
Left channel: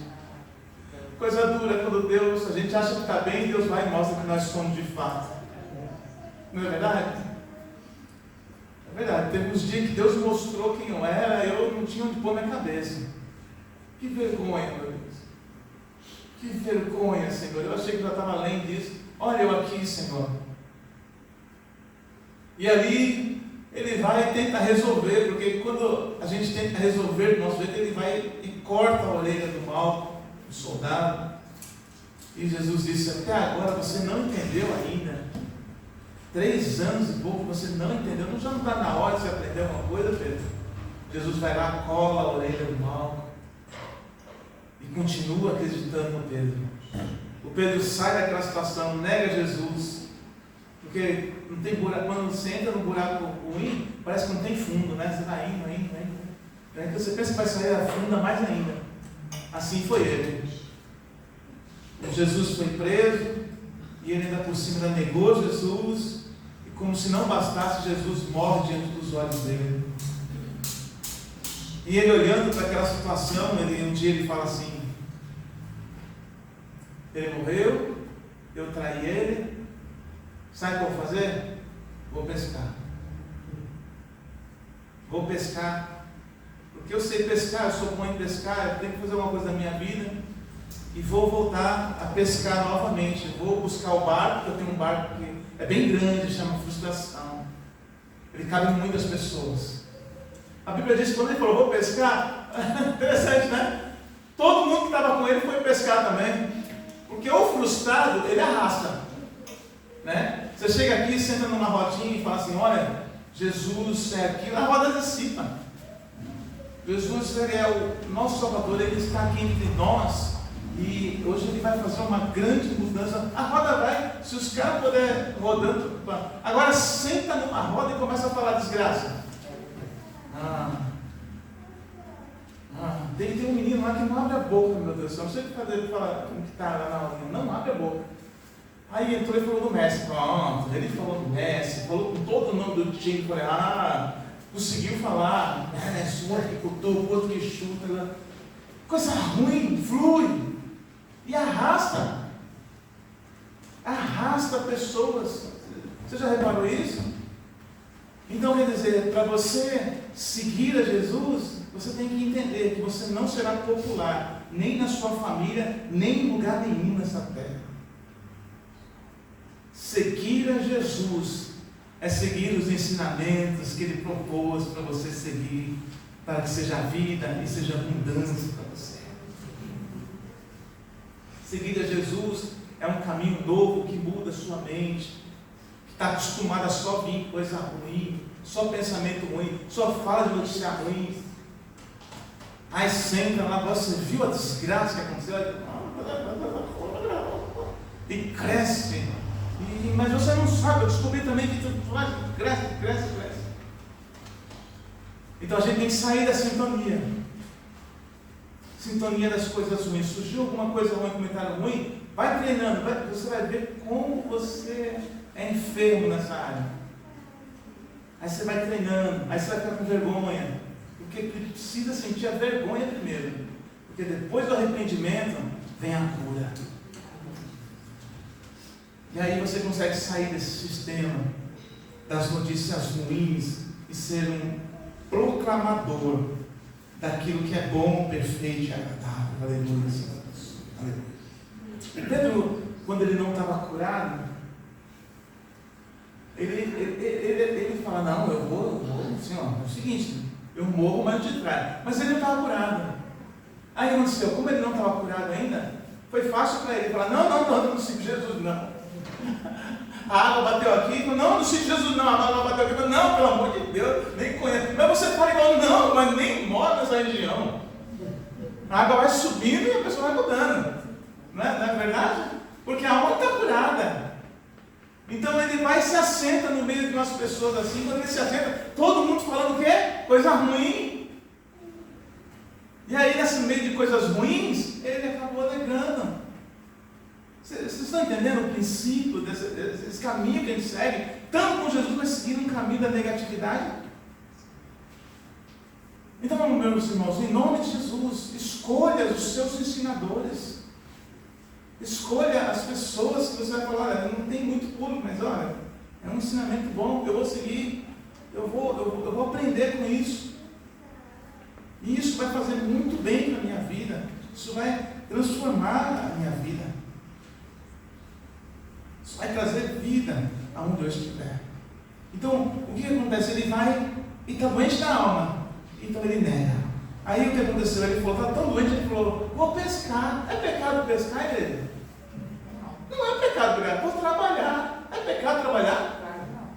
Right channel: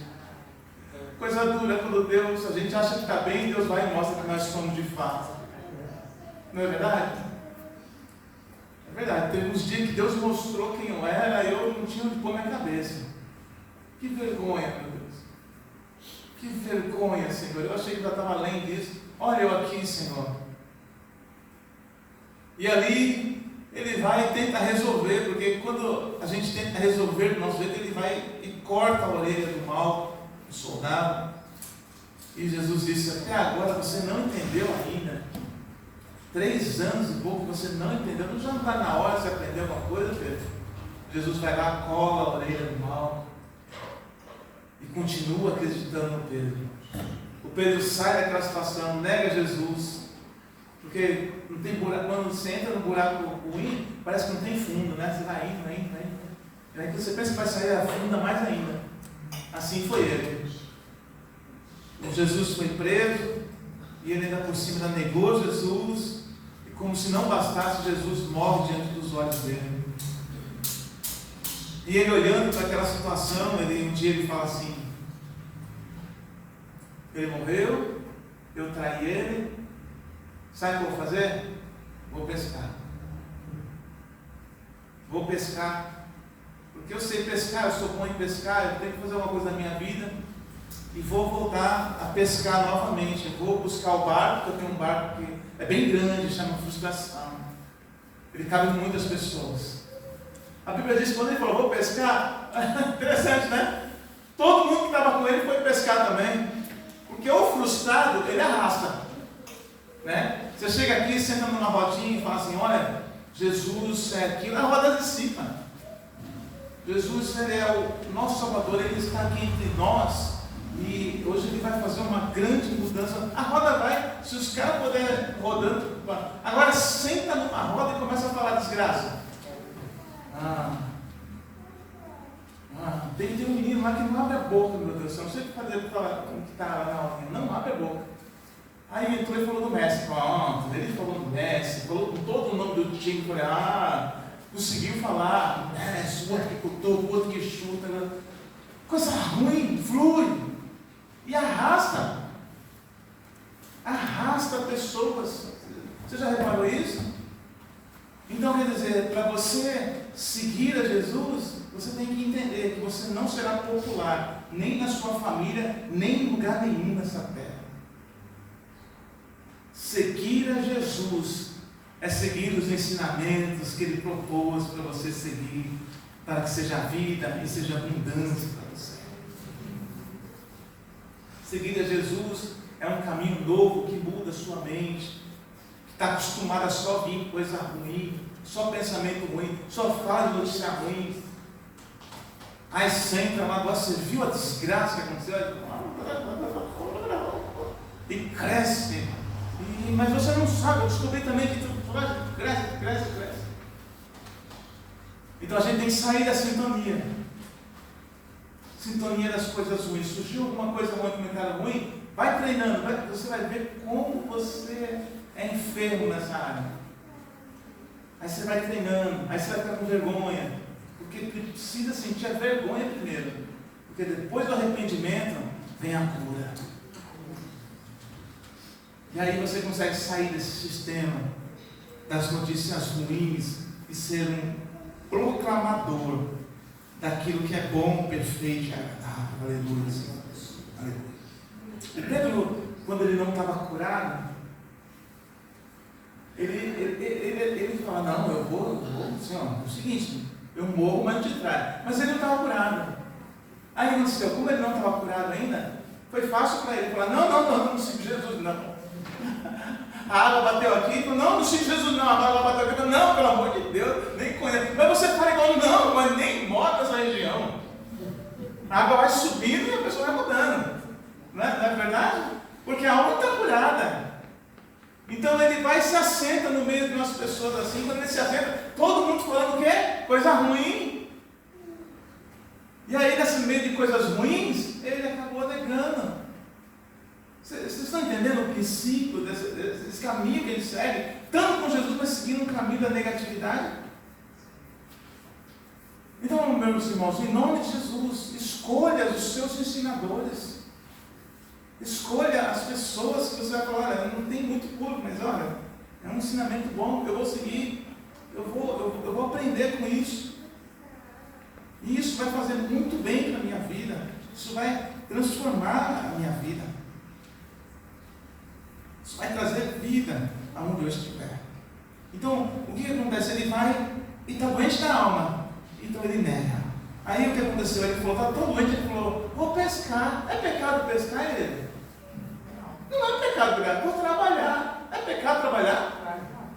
Coisa dura quando Deus, a gente acha que está bem, Deus vai e mostra que nós somos de fato. Não é verdade? É verdade, teve uns dias que Deus mostrou quem eu era, eu não tinha onde pôr minha cabeça. Que vergonha, meu Deus. Que vergonha, Senhor. Eu achei que já estava além disso. Olha eu aqui, Senhor. E ali ele vai e tenta resolver, porque quando a gente tenta resolver do nosso jeito, ele vai e corta a orelha do mal, do soldado. E Jesus disse: até agora você não entendeu ainda. 3 anos e pouco você não entendeu. Já não está na hora de você aprender alguma coisa, Pedro? Jesus vai lá, cola a orelha do mal e continua acreditando no Pedro. O Pedro sai daquela situação, nega Jesus, porque não tem buraco. Quando você entra no buraco ruim, parece que não tem fundo, né? Você vai indo. Aí você pensa que vai sair a funda mais ainda. Assim foi ele. Jesus foi preso e ele ainda por cima ainda negou Jesus, e como se não bastasse, Jesus morre diante dos olhos dele. E ele olhando para aquela situação, um dia ele fala assim: ele morreu, eu traí ele, sabe o que eu vou fazer? Vou pescar, porque eu sei pescar, eu sou bom em pescar, eu tenho que fazer uma coisa na minha vida, e vou voltar a pescar novamente. Eu vou buscar o barco, porque eu tenho um barco que é bem grande, chama Frustração, ele cabe em muitas pessoas. A Bíblia diz que quando ele falou vou pescar, interessante, né? Todo mundo que estava com ele foi pescar também, porque o frustrado, ele arrasta, né? Você chega aqui, senta numa rodinha e fala assim: olha, Jesus é aquilo, a roda antecipa. Jesus, ele é o nosso Salvador, ele está aqui entre nós, e hoje ele vai fazer uma grande mudança. A roda vai, se os caras puderem rodando, agora senta numa roda e começa a falar desgraça. Tem um menino lá que não abre a boca, meu Deus do céu, não sei o que fazer para falar como que está lá na hora, não abre a boca. Aí entrou e falou do Messi, pronto, ele falou do Messi, falou com todo o nome do time, falei: conseguiu falar, o outro que cutou, o outro que chuta, coisa ruim, flui, e arrasta pessoas. Você já reparou isso? Então quer dizer, para você seguir a Jesus, você tem que entender que você não será popular, nem na sua família, nem em lugar nenhum nessa terra. Seguir a Jesus é seguir os ensinamentos que Ele propôs para você seguir, para que seja vida e seja abundância para você. Seguir a Jesus é um caminho novo que muda a sua mente, que está acostumada a só vir coisa ruim, só pensamento ruim, só fala de notícia ruim. Aí senta lá, agora você viu a desgraça que aconteceu? E cresce. Mas você não sabe, eu descobri também que cresce. Então a gente tem que sair da sintonia das coisas ruins. Surgiu alguma coisa ruim, comentário ruim, vai treinando, você vai ver como você é enfermo nessa área. Aí você vai treinando, aí você vai ficar com vergonha, porque precisa sentir a vergonha primeiro, porque depois do arrependimento vem a cura. E aí você consegue sair desse sistema das notícias ruins e ser um proclamador daquilo que é bom, perfeito e agradável. Aleluia, Senhor. Aleluia. E Pedro, quando ele não estava curado, ele fala: não, eu vou, Senhor, é o seguinte, eu morro, mas não te traio. Mas ele não estava curado. Aí aconteceu, como ele não estava curado ainda, foi fácil para ele falar: não sigo Jesus, não. A água bateu aqui, não sigo Jesus, não. A água bateu aqui, não, pelo amor de Deus, nem conheço. Mas você fala igual: não, mas nem mora nessa região. A água vai subindo e a pessoa vai mudando. Não é verdade? porque a alma está curada. Então ele vai e se assenta no meio de umas pessoas assim. Quando ele se assenta, todo mundo falando o quê? Coisa ruim. E aí, nesse meio de coisas ruins, ele acabou negando. Vocês estão entendendo o princípio desse caminho que ele segue? Tanto com Jesus, mas seguindo um caminho da negatividade. Então, meus irmãos, em nome de Jesus, escolha os seus ensinadores. Escolha as pessoas que você vai falar, olha, não tem muito público, mas olha, é um ensinamento bom, eu vou seguir, eu vou aprender com isso. E isso vai fazer muito bem para a minha vida. Isso vai transformar a minha vida. Isso vai trazer vida aonde eu estiver. Então, o que acontece? Ele vai e está doente da alma. Então ele nega. Aí o que aconteceu? Ele falou, está tão doente, ele falou, vou pescar. É pecado pescar, ele? Não é pecado pescar, vou trabalhar. É pecado trabalhar?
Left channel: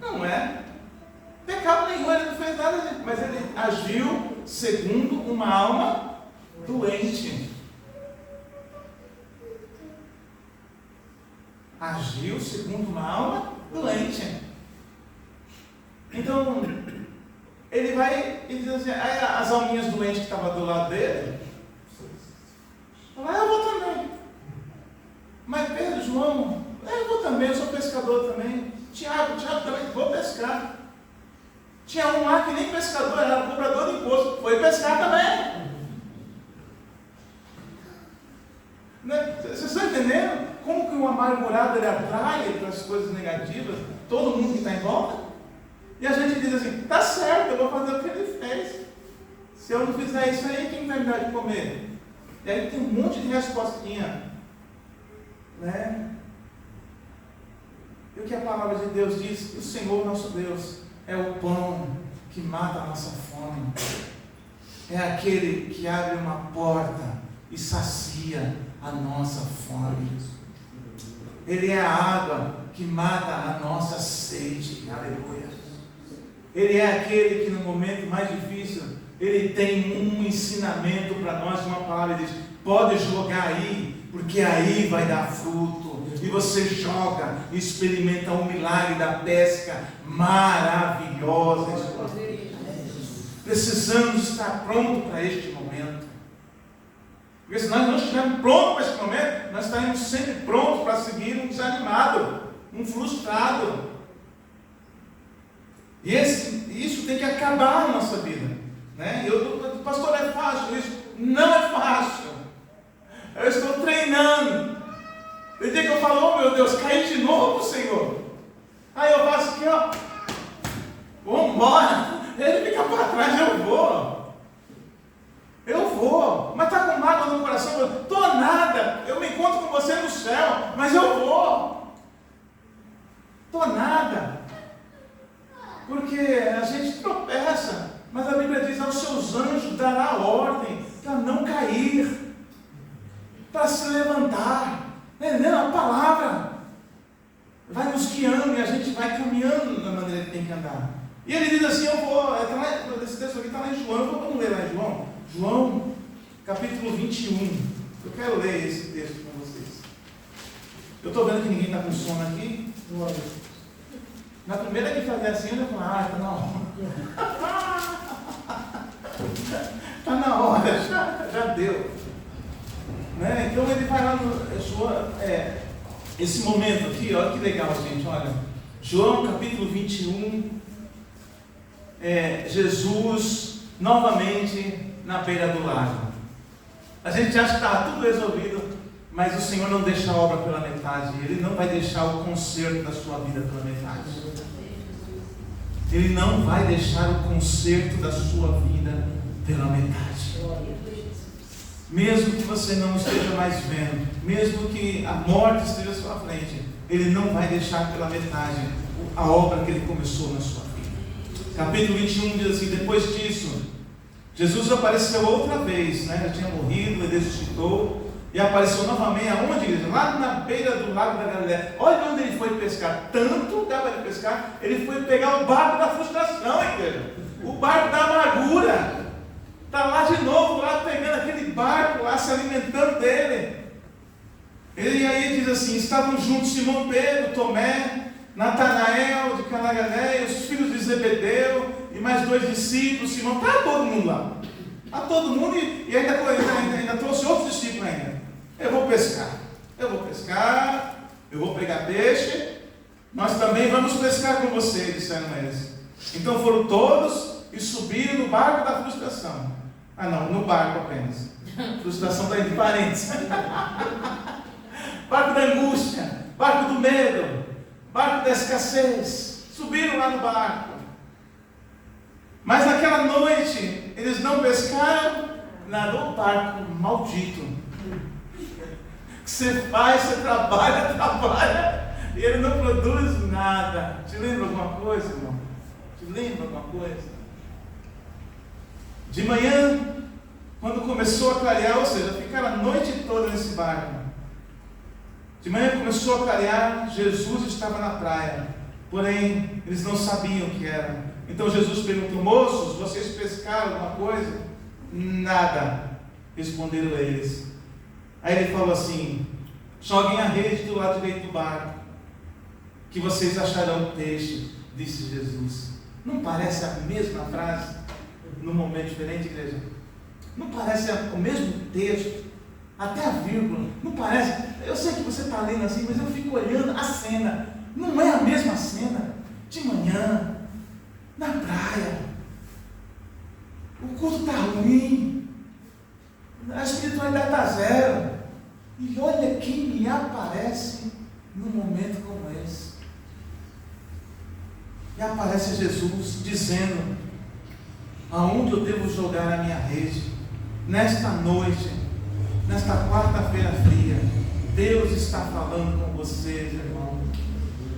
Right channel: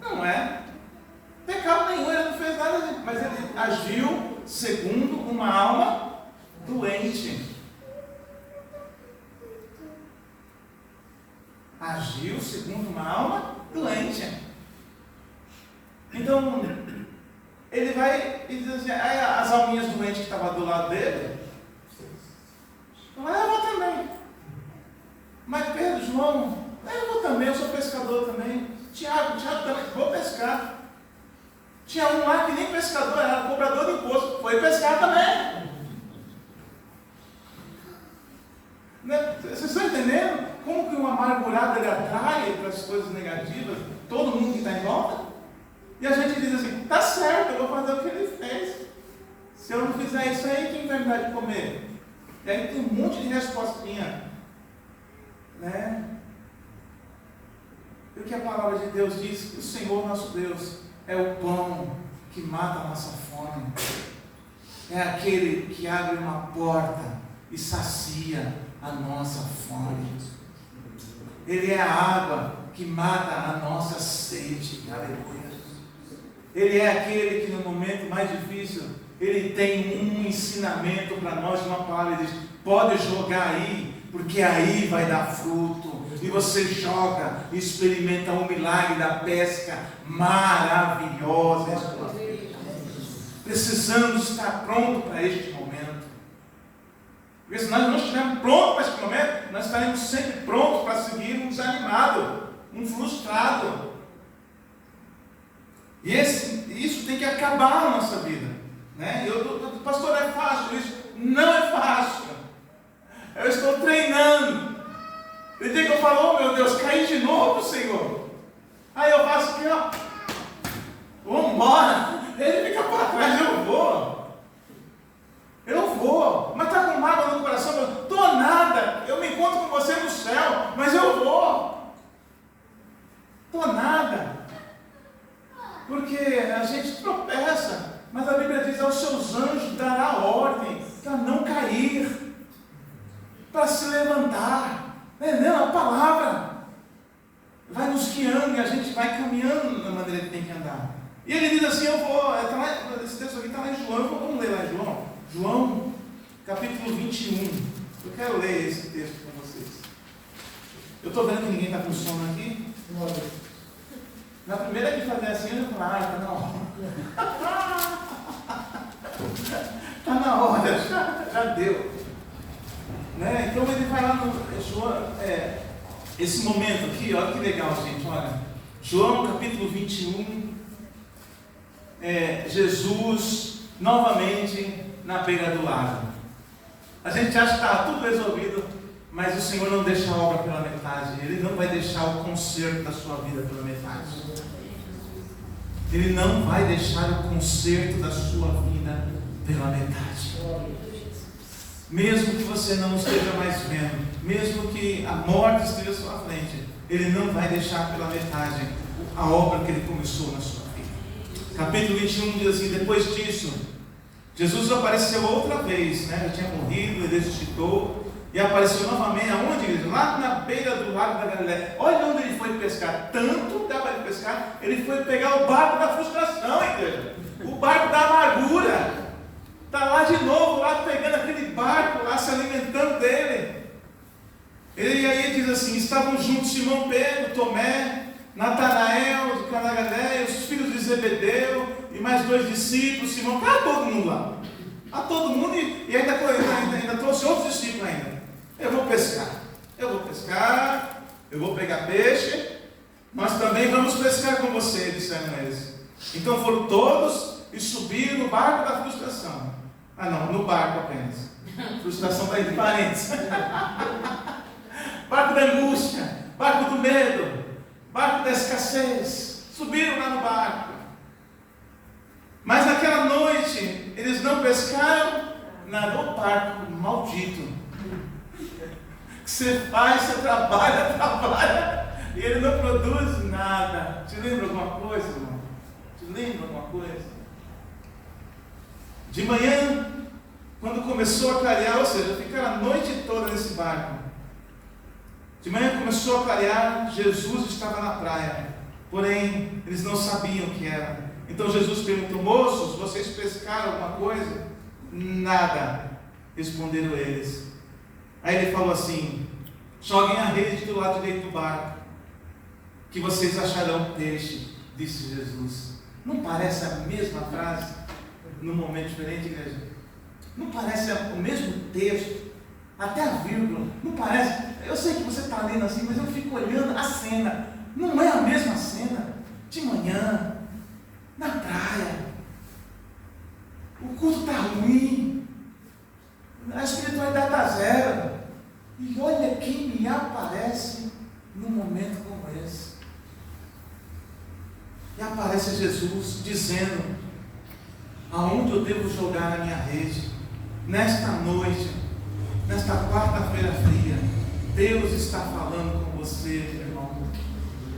Não é. Pecado nenhum, ele não fez nada, mas ele agiu segundo uma alma doente. Agiu segundo uma alma doente. Então, ele vai e diz assim, aí as alminhas doentes que estavam do lado dele, eu vou também. Mas Pedro, João, eu vou também, eu sou pescador também. Tiago também, vou pescar. Tinha um lá que nem pescador, era cobrador de imposto, foi pescar também. Vocês estão entendendo como que o amargurado ele atrai para as coisas negativas todo mundo que está em volta? E a gente diz assim, está certo, eu vou fazer o que ele fez. Se eu não fizer isso aí, quem vai me dar de comer? E aí tem um monte de respostinha, né? E o que a palavra de Deus diz? O Senhor nosso Deus é o pão que mata a nossa fome. É aquele que abre uma porta e sacia a nossa fome. Ele é a água que mata a nossa sede. Aleluia. Ele é aquele que no momento mais difícil, ele tem um ensinamento para nós, uma palavra. Ele diz, pode jogar aí, porque aí vai dar fruto. E você joga e experimenta o milagre da pesca maravilhosa. Precisamos estar prontos para este momento. Porque se nós não estivermos prontos para este momento, nós estaremos sempre prontos para seguir um desanimado, um frustrado. E isso tem que acabar na nossa vida. Né? Pastor, é fácil isso? Não é fácil. Eu estou treinando. Tem dia que eu falo, oh meu Deus, caí de novo, Senhor. Aí eu faço aqui, ó. Vamos embora. Ele fica para trás, eu vou. Mas está com mágoa no coração. Eu estou nada. Eu me encontro com você no céu, mas eu vou. Estou nada. Porque a gente tropeça. Mas a Bíblia diz, aos seus anjos dará ordem para não cair, para se levantar. Entendeu? A palavra vai nos guiando e a gente vai caminhando da maneira que tem que andar. E ele diz assim, esse texto aqui está lá em João, vamos ler lá em João? João, capítulo 21. Eu quero ler esse texto com vocês. Eu estou vendo que ninguém está com sono aqui. Na primeira que fazer assim, eu falo, está na hora. Está na hora, já deu. Né? Então ele vai lá no esse momento aqui, olha que legal, gente, olha. João capítulo 21, Jesus novamente na beira do lago. A gente acha que está tudo resolvido, mas o Senhor não deixa a obra pela metade. Ele não vai deixar o conserto da sua vida pela metade. Ele não vai deixar o conserto da sua vida pela metade. Mesmo que você não esteja mais vendo, mesmo que a morte esteja à sua frente, Ele não vai deixar pela metade a obra que Ele começou na sua vida. Capítulo 21 diz assim, depois disso, Jesus apareceu outra vez, né? Já tinha morrido, ele ressuscitou, e apareceu novamente, aonde, igreja? Lá na beira do lago da Galileia. Olha onde ele foi pescar, tanto dava de pescar, ele foi pegar o barco da frustração, igreja, o barco da amargura. Está lá de novo, lá pegando aquele barco, lá se alimentando dele. E aí diz assim: estavam juntos Simão Pedro, Tomé, Natanael de Caná da Galileia, os filhos de Zebedeu e mais 2 discípulos. Simão, está todo mundo lá. Está todo mundo e ainda trouxe outros discípulos ainda. Eu vou pescar, eu vou pegar peixe, nós também vamos pescar com você, disseram eles. Então foram todos e subiram no barco da frustração. Ah não, no barco apenas. Frustração está entre parênteses. Barco da angústia, barco do medo, barco da escassez. Subiram lá no barco. Mas naquela noite eles não pescaram nada. O barco maldito. Que você faz, você trabalha, e ele não produz nada. Te lembra alguma coisa, irmão? Te lembra alguma coisa? De manhã, quando começou a clarear, ou seja, ficaram a noite toda nesse barco. De manhã começou a clarear, Jesus estava na praia, porém eles não sabiam o que era. Então Jesus perguntou: moços, vocês pescaram alguma coisa? Nada, responderam eles. Aí ele falou assim: joguem a rede do lado direito do barco, que vocês acharão peixe, disse Jesus. Não parece a mesma frase, num momento diferente, igreja? Não parece o mesmo texto, até a vírgula, não parece? Eu sei que você está lendo assim, mas eu fico olhando a cena, não é a mesma cena, de manhã, na praia, o culto está ruim, a espiritualidade está zero, e olha quem me aparece num momento como esse. E aparece Jesus dizendo: aonde eu devo jogar a minha rede? Nesta noite, nesta quarta-feira fria, Deus está falando com você, meu irmão.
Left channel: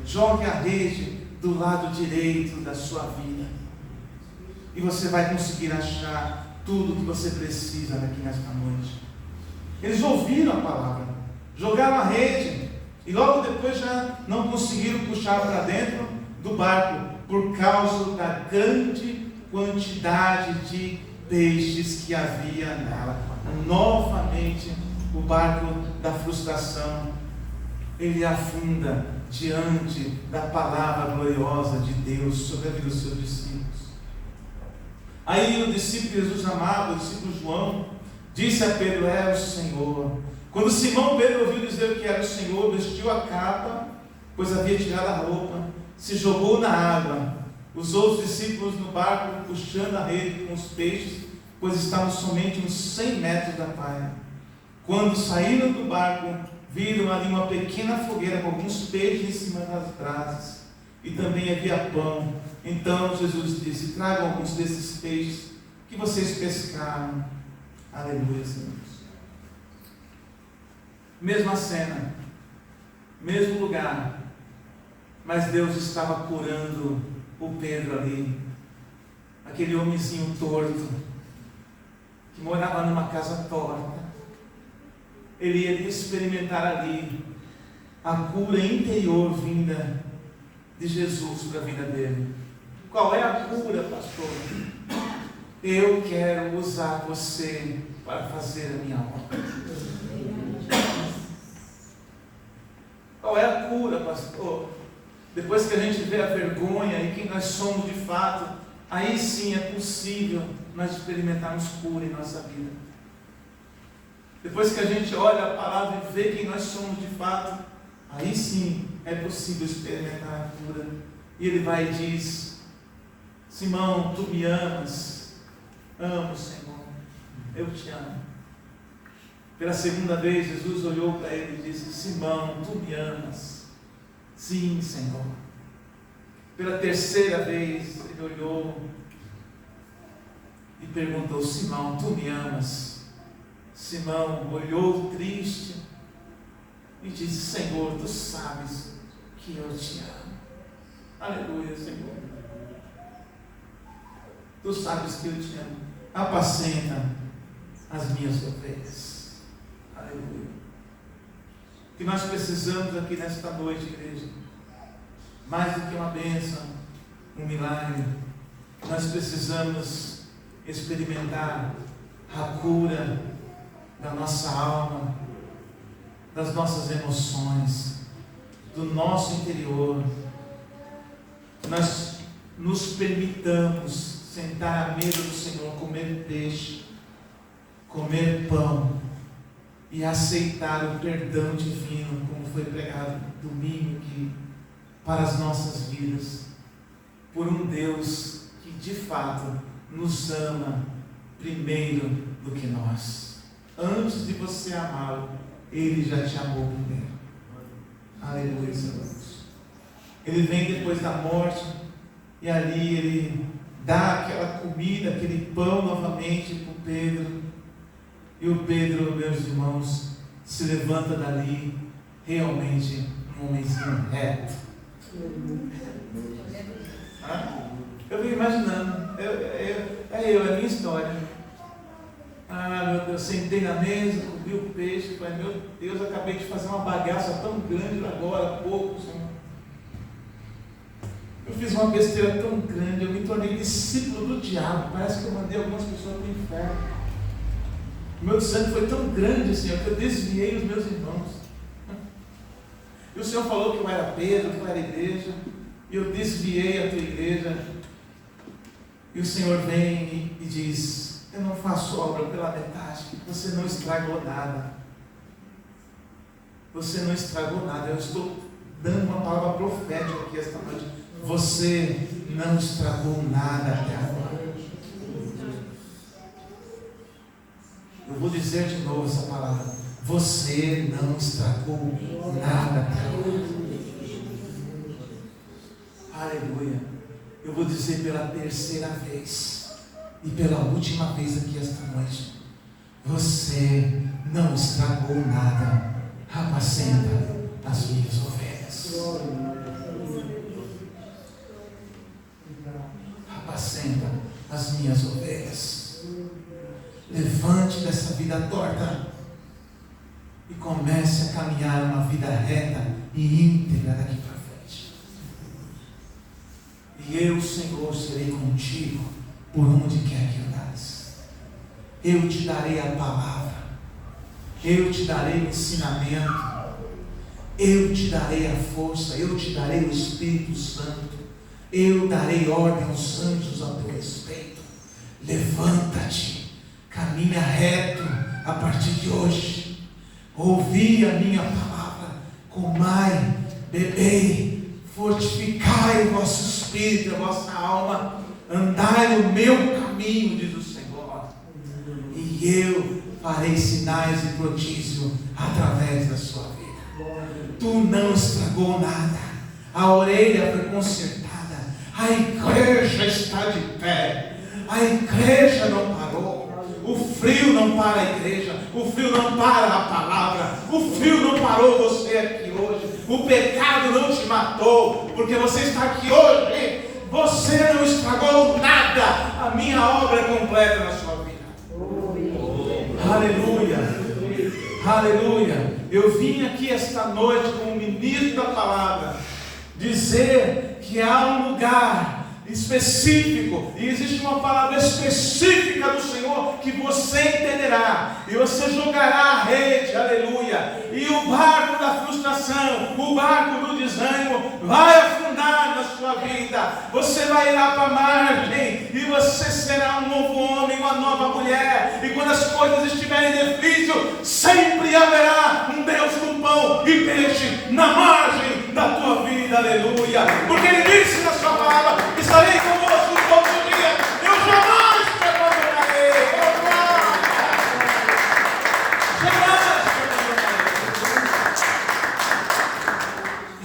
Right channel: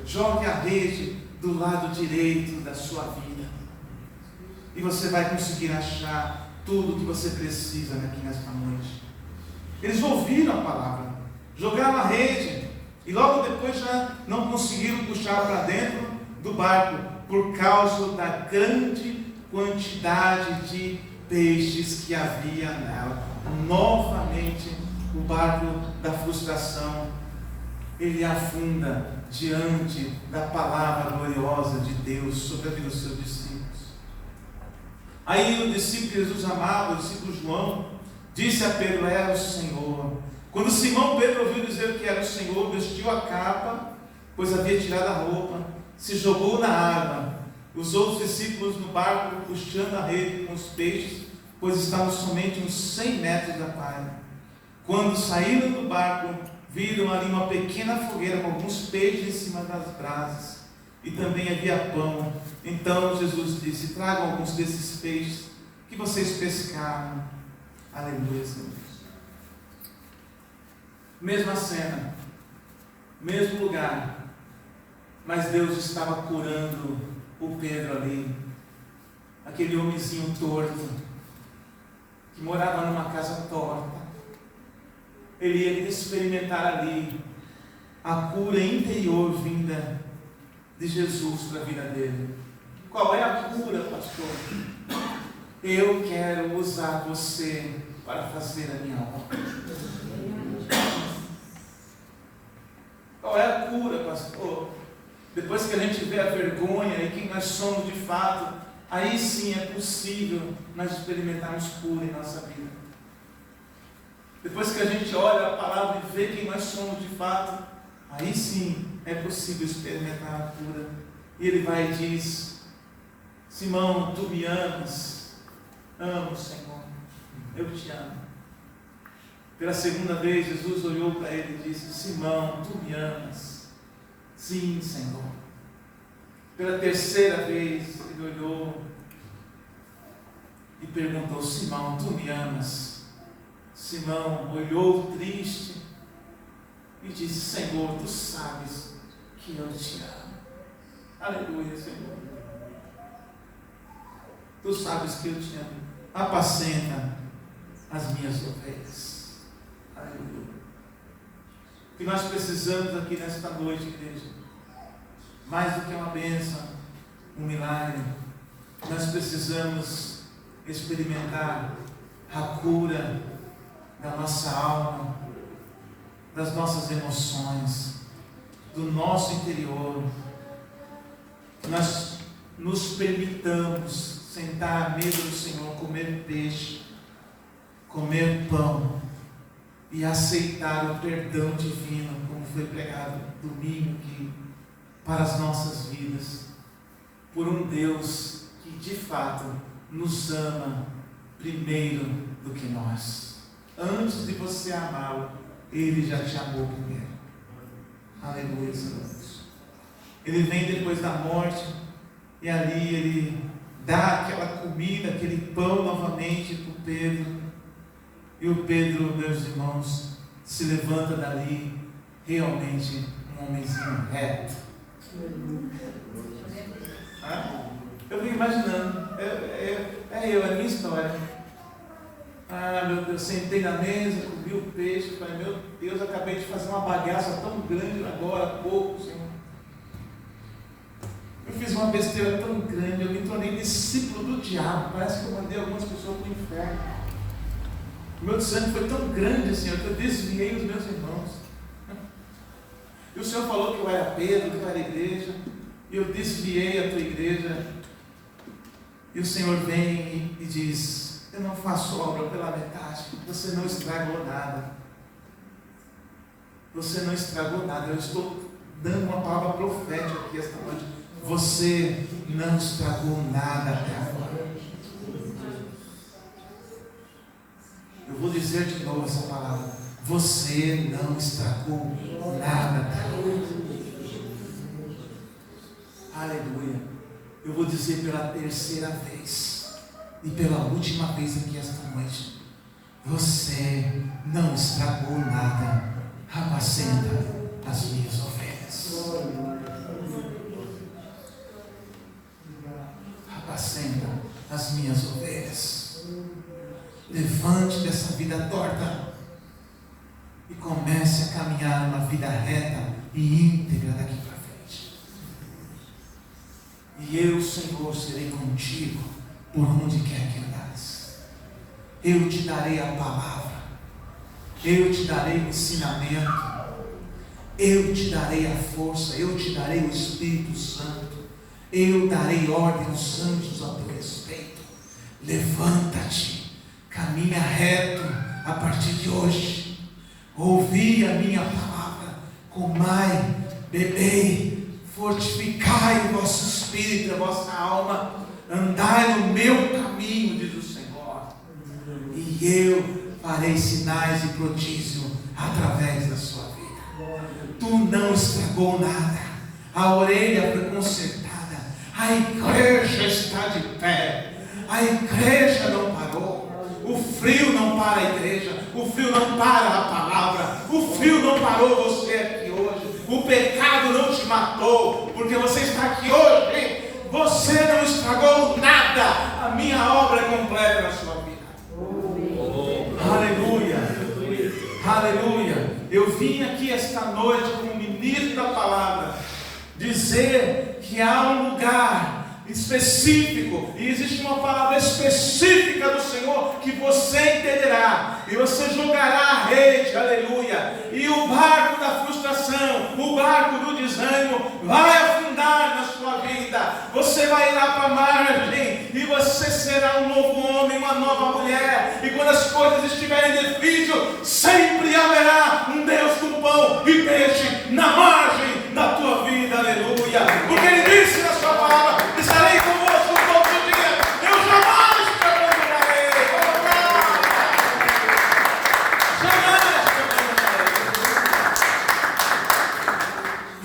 Jogue a rede do lado direito da sua vida, e você vai conseguir achar tudo o que você precisa aqui nesta noite. Eles ouviram a palavra, jogaram a rede, e logo depois já não conseguiram puxar para dentro do barco, por causa da grande quantidade de peixes que havia nela. Novamente, o barco da frustração, ele afunda diante da palavra gloriosa de Deus sobre a vida dos seus discípulos. Aí o discípulo que Jesus amava, o discípulo João, disse a Pedro: é o Senhor. Quando Simão Pedro ouviu dizer que era o Senhor, vestiu a capa, pois havia tirado a roupa, se jogou na água. Os outros discípulos no barco, puxando a rede com os peixes, pois estavam somente uns 100 metros da praia. Quando saíram do barco, viram ali uma pequena fogueira com alguns peixes em cima das brasas, e também havia pão. Então Jesus disse: tragam alguns desses peixes que vocês pescaram. Aleluia, Senhor. Mesma cena, mesmo lugar, mas Deus estava curando o Pedro ali, aquele homenzinho torto, que morava numa casa torta. Ele ia experimentar ali a cura interior vinda de Jesus para a vida dele. Qual é a cura, pastor? Eu quero usar você para fazer a minha obra. Qual é a cura, pastor? Depois que a gente vê a vergonha e quem nós somos de fato, aí sim é possível nós experimentarmos cura em nossa vida. Depois que a gente olha a palavra e vê quem nós somos de fato, aí sim é possível experimentar a cura. E ele vai e diz: Simão, tu me amas? Amo, Senhor, eu te amo. Pela segunda vez Jesus olhou para ele e disse: Simão, tu me amas? Sim, Senhor. Pela terceira vez ele olhou e perguntou: Simão, tu me amas? Simão olhou triste e disse: Senhor, tu sabes que eu te amo. Aleluia, Senhor. Tu sabes que eu te amo. Apacenta as minhas ovelhas. Aleluia. O que nós precisamos aqui nesta noite, igreja, mais do que uma bênção, um milagre, nós precisamos experimentar a cura da nossa alma, das nossas emoções, do nosso interior. Nós nos permitamos sentar à mesa do Senhor, comer peixe, comer pão e aceitar o perdão divino, como foi pregado domingo aqui, para as nossas vidas, por um Deus que de fato nos ama primeiro do que nós. Antes de você amá-lo, Ele já te amou primeiro. Aleluia, Senhor. Ele vem depois da morte e ali Ele dá aquela comida, aquele pão novamente para o Pedro. E o Pedro, meus irmãos, se levanta dali realmente um homenzinho reto. Eu vim imaginando, é a minha história. Meu Deus, sentei na mesa, comi o peixe, falei, meu Deus, acabei de fazer uma bagaça tão grande agora há pouco, Senhor. Eu fiz uma besteira tão grande, eu me tornei discípulo do diabo, parece que eu mandei algumas pessoas para o inferno. O meu desânimo foi tão grande, Senhor, que eu desviei os meus irmãos. E o Senhor falou que eu era Pedro, que eu era igreja, e eu desviei a tua igreja. E o Senhor vem e diz, eu não faço obra pela metade, você não estragou nada. Você não estragou nada, eu estou dando uma palavra profética aqui esta noite. Você não estragou nada até agora. Eu vou dizer de novo essa palavra. Você não estragou nada até agora. Aleluia. Eu vou dizer pela terceira vez e pela última vez aqui esta noite. Você não estragou nada. Apacenta as minhas ovelhas. Apacenta as minhas ovelhas. Levante dessa vida torta e comece a caminhar uma vida reta e íntegra daqui para frente. E eu, Senhor, serei contigo por onde quer que andares. Eu te darei a palavra, eu te darei o ensinamento, eu te darei a força, eu te darei o Espírito Santo, eu darei ordem aos anjos a teu respeito. Levanta-te, caminha reto a partir de hoje. Ouvi a minha palavra, comai, bebei, fortificai o vosso espírito, a vossa alma, andai no meu caminho, diz o Senhor, e eu farei sinais e prodígio através da sua vida. Tu não estragou nada, a orelha foi consertada, a igreja está de pé, a igreja não parou. O frio não para a igreja, o frio não para a palavra, o frio não parou você aqui hoje, o pecado não te matou, porque você está aqui hoje, você não estragou nada, a minha obra é completa na sua vida. Aleluia, aleluia. Eu vim aqui esta noite como ministro da palavra, dizer que há um lugar específico, e existe uma palavra específica do Senhor que você entenderá, e você jogará a rede, aleluia, e o barco da frustração, o barco do desânimo vai afundar na sua vida, você vai ir lá para a margem, e você será um novo homem, uma nova mulher, e quando as coisas estiverem difíceis, sempre haverá um Deus com pão e peixe na margem da tua vida, aleluia, porque Ele disse na sua palavra, estarei convosco todos os dias, eu jamais te abandonarei, jamais te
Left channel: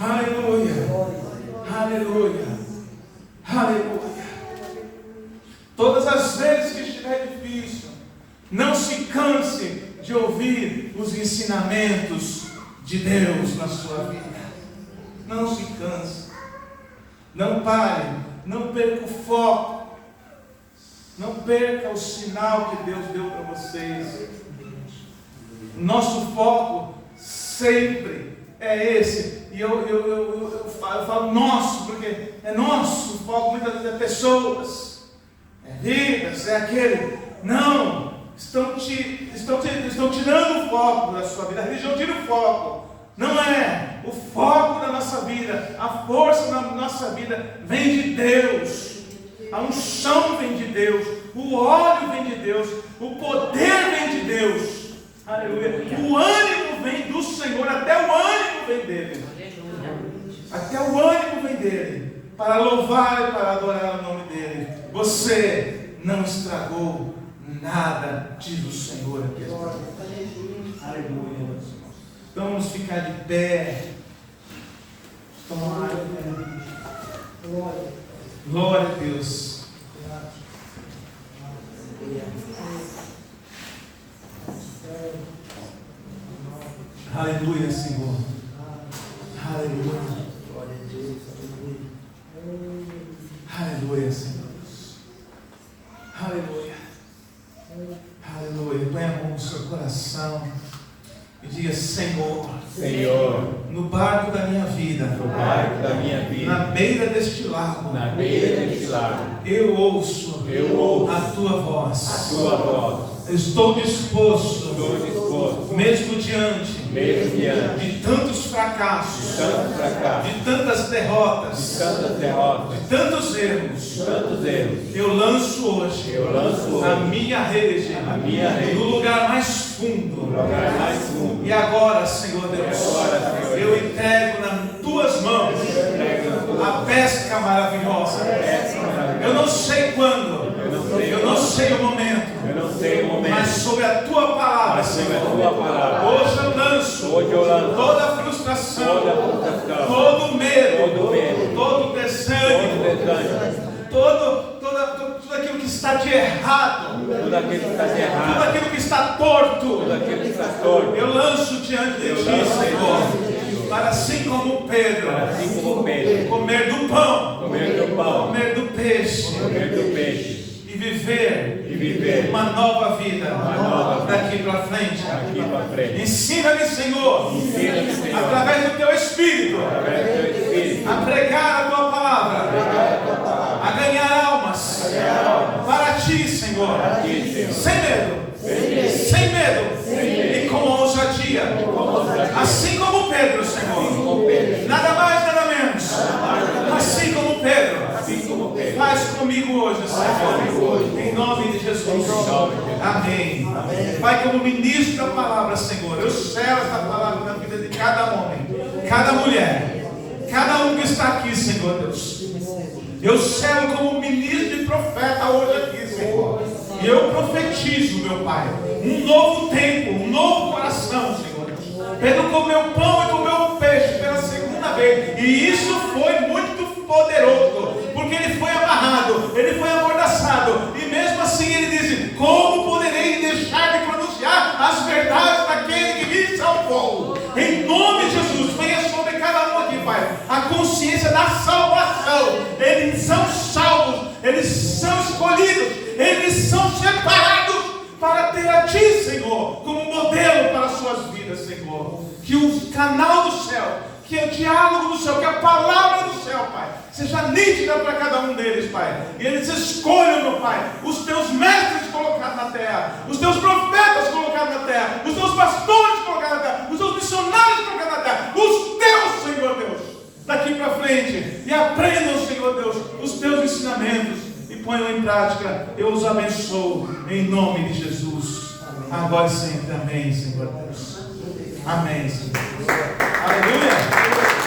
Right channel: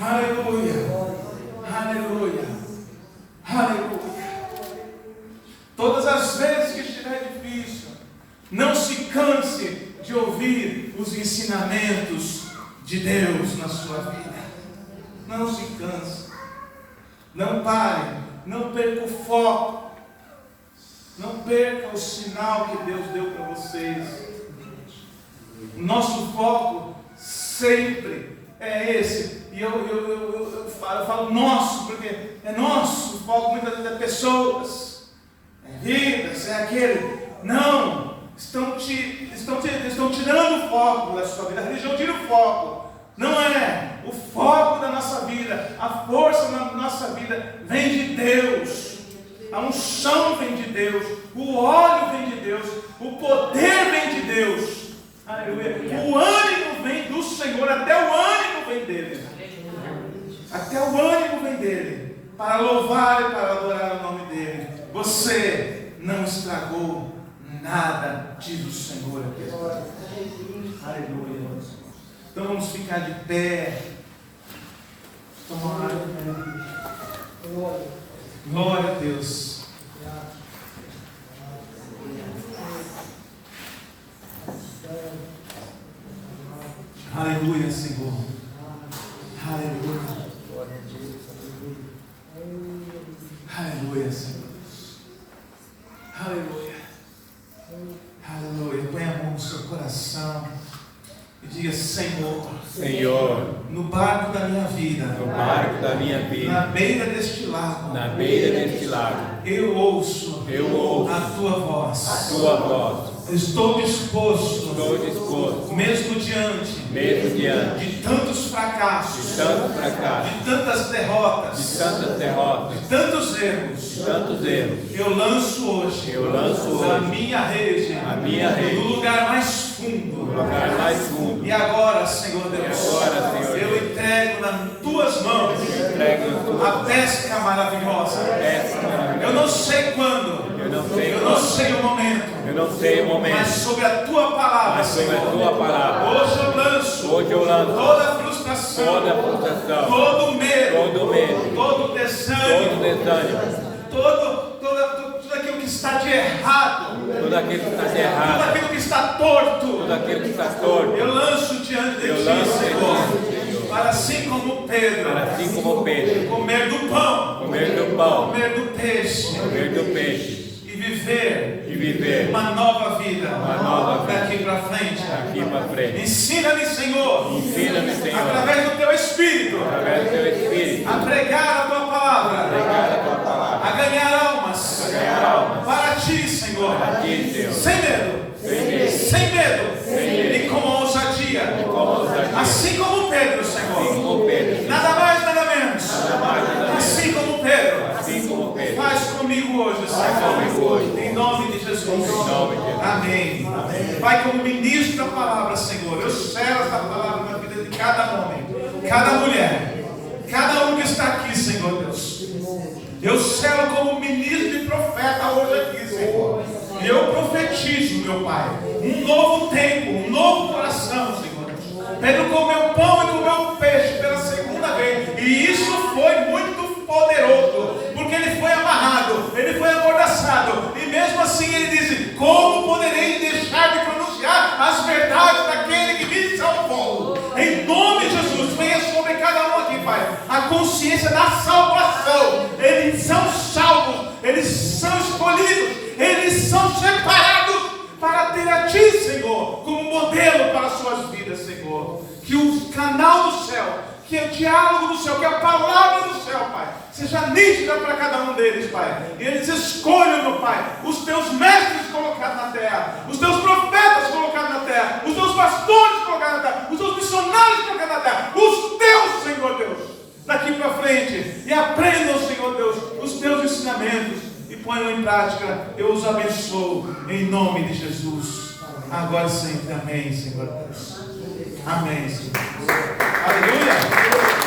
abandonarei. Aleluia, aleluia, aleluia. Todas as vezes que estiver difícil, não se canse de ouvir os ensinamentos de Deus na sua vida. Não se canse, não pare, não perca o foco, não perca o sinal que Deus deu para vocês. Nosso foco sempre é esse, e eu falo nosso, porque é nosso foco, muitas vezes é pessoas, é vidas, é aquele. Não, estão tirando o foco da sua vida. A religião tira o foco. Não é. O foco da nossa vida, a força da nossa vida vem de Deus. A unção vem de Deus. O óleo vem de Deus. O poder vem de Deus. Aleluia. O ânimo vem do Senhor. Até o ânimo vem dele. Até o ânimo vem dele. Para louvar e para adorar o nome dele. Você não estragou nada, diz o Senhor. Aleluia. Então vamos ficar de pé. Glória a Deus. Aleluia, Senhor. Aleluia. Aleluia, Senhor. Aleluia. Aleluia. Põe a mão no seu coração e diga: Senhor, Senhor, no barco da minha vida, no barco da minha vida, na beira deste lago, na beira deste lago, eu ouço a tua voz. a tua voz. Estou disposto, mesmo diante de tantos fracassos, de tantas derrotas, de tantos erros. Eu lanço hoje a minha rede no lugar mais fundo. E agora, Senhor Deus, eu entrego nas tuas mãos a pesca maravilhosa. Eu não sei quando, eu não sei o momento, mas sobre a tua palavra, Senhor, hoje eu lanço toda a frustração, todo o medo, todo o desânimo, tudo aquilo que está de errado, tudo aquilo que está torto, eu lanço diante de ti, Senhor, para assim como Pedro, comer do pão, comer do peixe, e viver uma nova vida daqui para frente. Ensina-me, Senhor, através do teu Espírito, a pregar a tua palavra, a ganhar almas para ti, Senhor, sem medo e com ousadia, assim como Pedro, Senhor, nada mais, nada menos, assim como Pedro. Faz comigo hoje, Senhor, em nome de Jesus. Amém. Pai, como ministro da palavra, Senhor, eu selo esta palavra na vida de cada homem, cada mulher, cada um que está aqui, Senhor Deus. Eu selo como ministro e profeta hoje aqui, Senhor. E eu profetizo, meu Pai, um novo tempo, um novo coração, Senhor. Pedro comeu pão e comeu peixe pela segunda vez. E isso foi muito poderoso, porque ele foi amarrado, ele foi amordaçado, e mesmo assim ele diz: como poderei deixar de pronunciar as verdades daquele que me salvou? Em nome de Jesus, venha sobre cada um aqui, Pai, a consciência da salvação. Eles são salvos, eles são escolhidos, eles são separados para ter a ti, Senhor, como modelo para as suas vidas, Senhor. Que o canal do céu, que o diálogo do céu, que a palavra do céu, Pai, seja nítida para cada um deles, Pai. E eles escolham, meu Pai, os teus mestres colocados na terra, os teus profetas colocados na terra, os teus pastores colocados na terra, os teus missionários colocados na terra, os teus, Senhor Deus, daqui para frente. E aprendam, Senhor Deus, os teus ensinamentos e ponham em prática. Eu os abençoo em nome de Jesus. Agora sempre. Amém, Senhor Deus. Amém, Senhor. Aleluia.